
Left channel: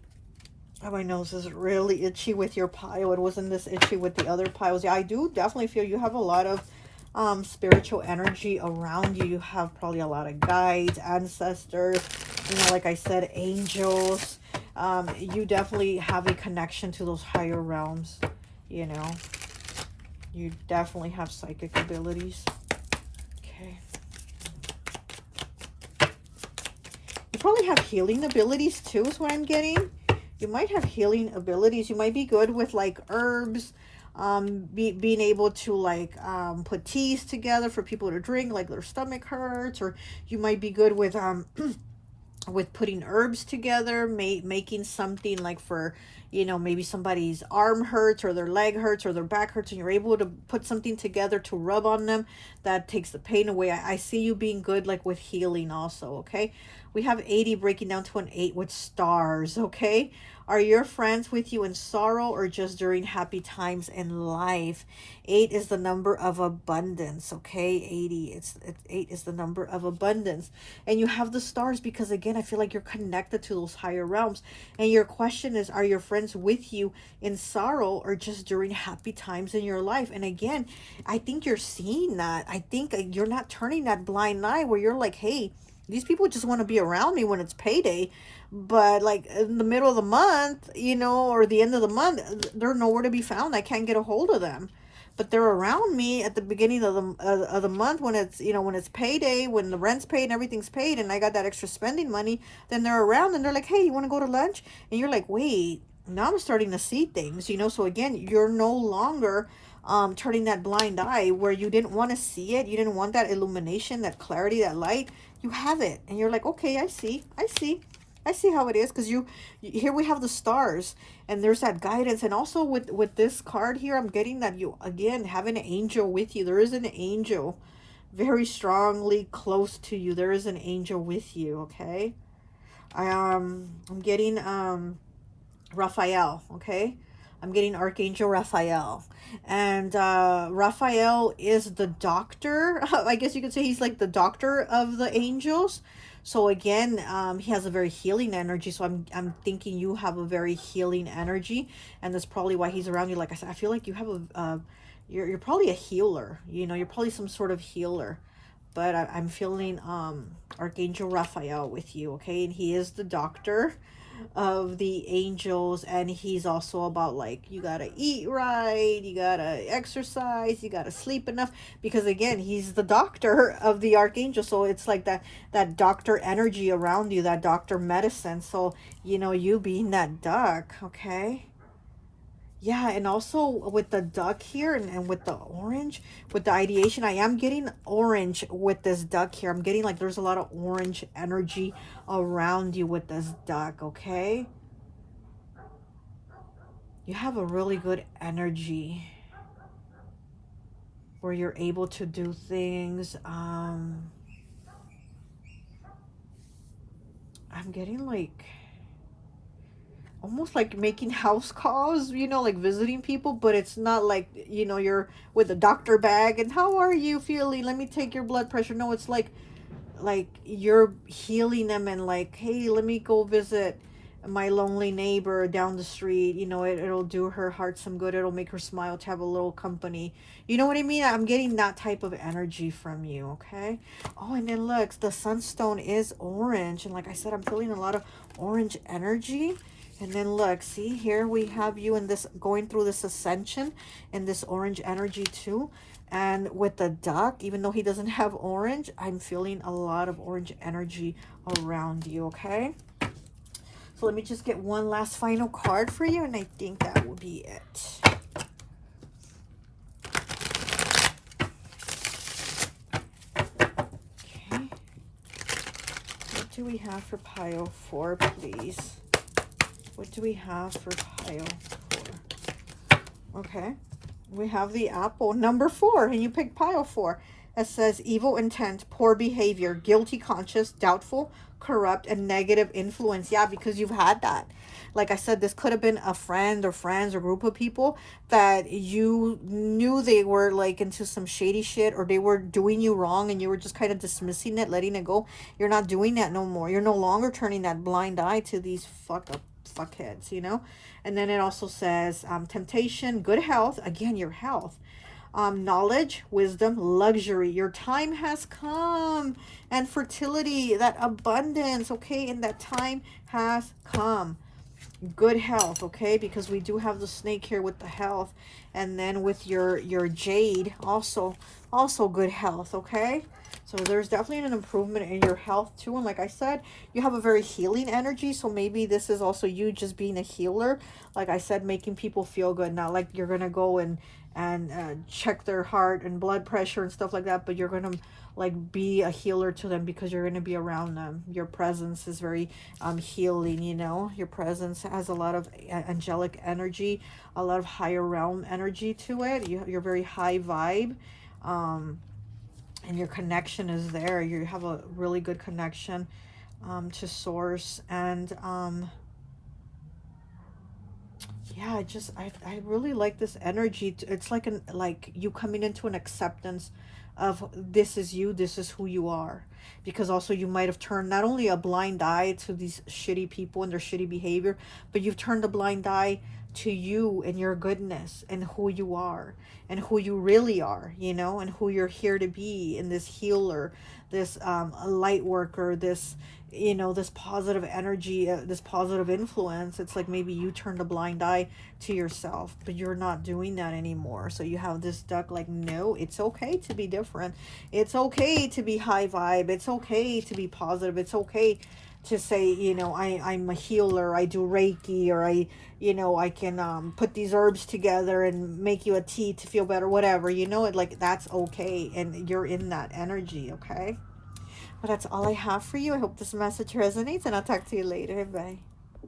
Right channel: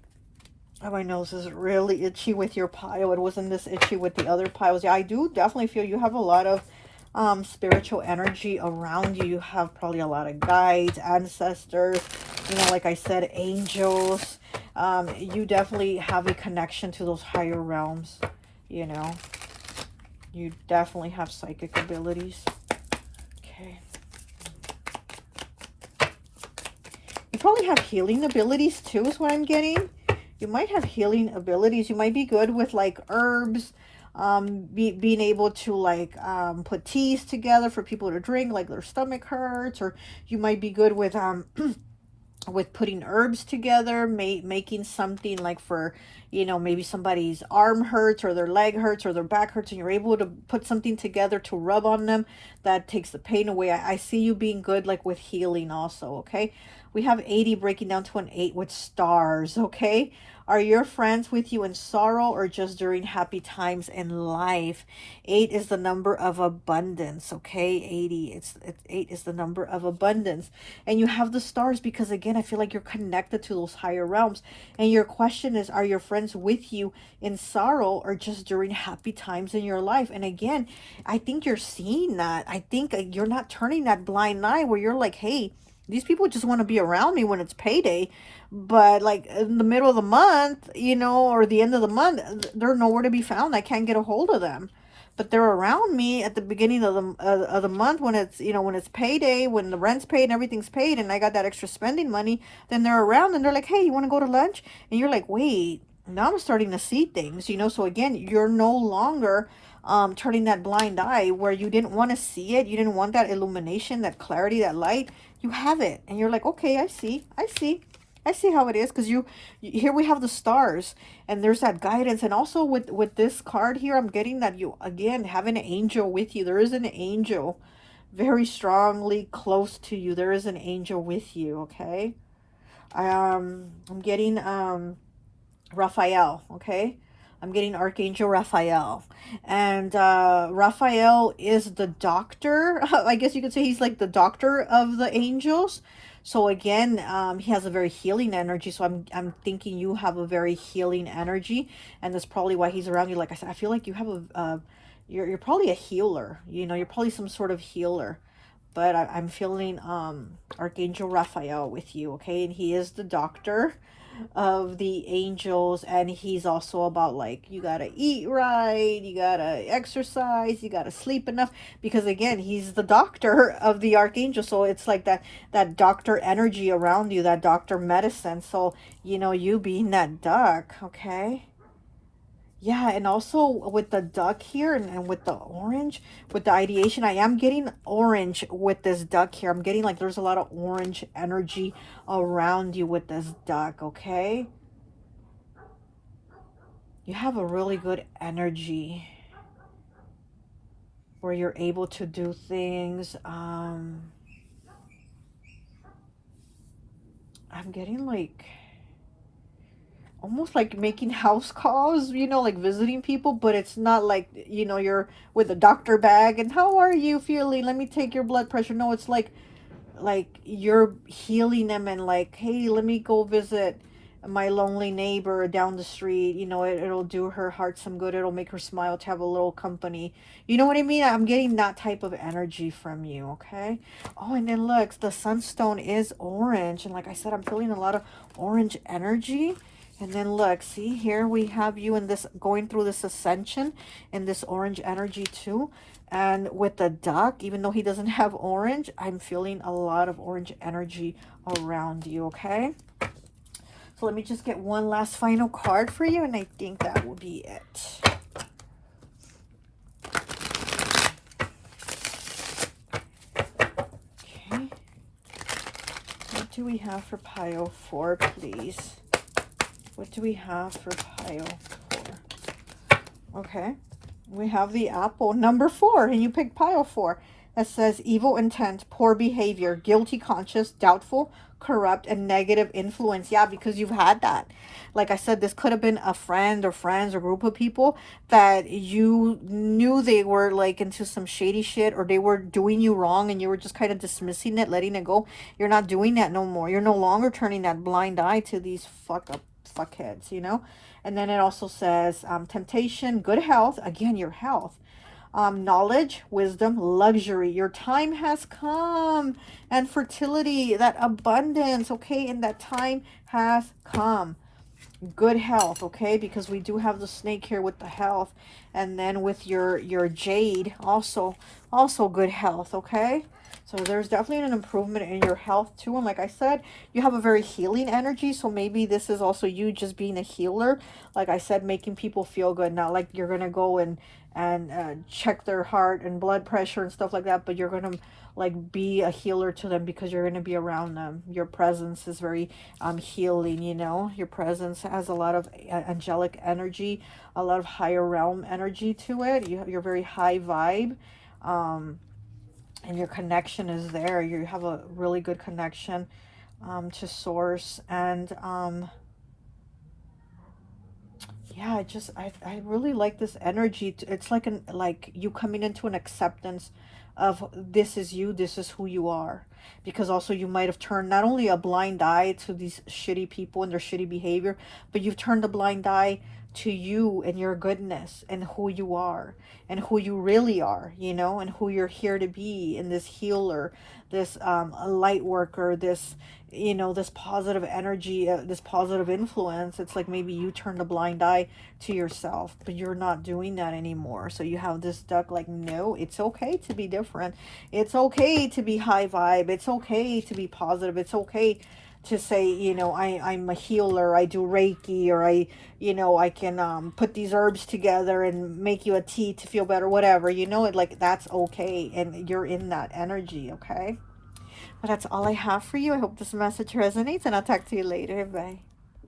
Oh, my nose is really itchy with your pile. It wasn't this itchy with the other piles. Yeah, I do definitely feel you have a lot of spiritual energy around you. You have probably a lot of guides, ancestors, you know, like I said, angels. You definitely have a connection to those higher realms, you know. You definitely have psychic abilities. Okay. You probably have healing abilities too, is what I'm getting. You might have healing abilities. You might be good with like herbs, being able to like put teas together for people to drink, like their stomach hurts, or you might be good with with putting herbs together, making something like for, you know, maybe somebody's arm hurts or their leg hurts or their back hurts, and you're able to put something together to rub on them that takes the pain away. I see you being good like with healing also. Okay, we have 80 breaking down to an 8 with stars. Okay, are your friends with you in sorrow or just during happy times in life? 8 is the number of abundance. Okay, 80. 8 is the number of abundance, and you have the stars because again, I feel like you're connected to those higher realms. And your question is, are your friends with you in sorrow or just during happy times in your life? And again, I think you're seeing that. I think you're not turning that blind eye where you're like, hey, these people just want to be around me when it's payday, but like in the middle of the month, you know, or the end of the month, they're nowhere to be found. I can't get a hold of them, but they're around me at the beginning of the month when it's, you know, when it's payday, when the rent's paid and everything's paid and I got that extra spending money. Then they're around and they're like, hey, you want to go to lunch? And you're like, wait, now I'm starting to see things, you know. So again, you're no longer turning that blind eye where you didn't want to see it. You didn't want that illumination, that clarity, that light. You have it, and you're like, okay, I see how it is. Because you here we have the stars, and there's that guidance. And also with this card here, I'm getting that you again have an angel with you. There is an angel very strongly close to you. There is an angel with you. Okay, I'm getting Raphael. Okay, I'm getting Archangel Raphael. And Raphael is the doctor. I guess you could say he's like the doctor of the angels. So again, he has a very healing energy. So I'm thinking you have a very healing energy. And that's probably why he's around you. Like I said, I feel like you have you're probably a healer. You know, you're probably some sort of healer. But I'm feeling Archangel Raphael with you, okay? And he is the doctor of the angels, and he's also about like you gotta eat right, you gotta exercise, you gotta sleep enough, because again, he's the doctor of the archangel. So it's like that doctor energy around you, that doctor medicine. So you know, you being that duck, okay? Yeah, and also with the duck here, and with the orange, with the ideation, I am getting orange with this duck here. I'm getting like there's a lot of orange energy around you with this duck, okay? You have a really good energy where you're able to do things. I'm getting like almost like making house calls, you know, like visiting people, but it's not like, you know, you're with a doctor bag and how are you feeling? Let me take your blood pressure. No, it's like you're healing them, and like, hey, let me go visit my lonely neighbor down the street. You know, it'll do her heart some good. It'll make her smile to have a little company. You know what I mean? I'm getting that type of energy from you, okay? Oh, and then look, the sunstone is orange, and like I said, I'm feeling a lot of orange energy. And then look, see here we have you in this, going through this ascension in this orange energy too. And with the duck, even though he doesn't have orange, I'm feeling a lot of orange energy around you, okay? So let me just get one last final card for you, and I think that will be it. Okay. What do we have for pile 4, please? What do we have for pile 4? Okay. We have the apple number 4, and you picked pile 4. It says evil intent, poor behavior, guilty conscience, doubtful, corrupt, and negative influence. Yeah, because you've had that. Like I said, this could have been a friend or friends or group of people that you knew they were like into some shady shit, or they were doing you wrong and you were just kind of dismissing it, letting it go. You're not doing that no more. You're no longer turning that blind eye to these fuckheads, you know? And then it also says temptation, good health, again, your health, knowledge, wisdom, luxury. Your time has come. And fertility, that abundance, okay? And that time has come. Good health, okay? Because we do have the snake here with the health. And then with your jade, also good health, okay? So there's definitely an improvement in your health too. And like I said, you have a very healing energy. So maybe this is also you just being a healer. Like I said, making people feel good. Not like you're going to go and check their heart and blood pressure and stuff like that. But you're going to like be a healer to them because you're going to be around them. Your presence is very healing, you know. Your presence has a lot of angelic energy, a lot of higher realm energy to it. You're very high vibe. And your connection is there. You have a really good connection to source. And yeah, I really like this energy. It's like like you coming into an acceptance of this is you, this is who you are. Because also you might have turned not only a blind eye to these shitty people and their shitty behavior, but you've turned a blind eye to you and your goodness and who you are and who you really are, you know, and who you're here to be, and this healer, this light worker, this, you know, this positive energy, this positive influence. It's like maybe you turned a blind eye to yourself, but you're not doing that anymore. So you have this duck like, no, it's okay to be different. It's okay to be high vibe. It's okay to be positive. It's okay to say, you know, I'm a healer, I do Reiki, or you know, I can put these herbs together and make you a tea to feel better, whatever, you know, it like that's okay, and you're in that energy, okay? But that's all I have for you. I hope this message resonates, and I'll talk to you later. Bye.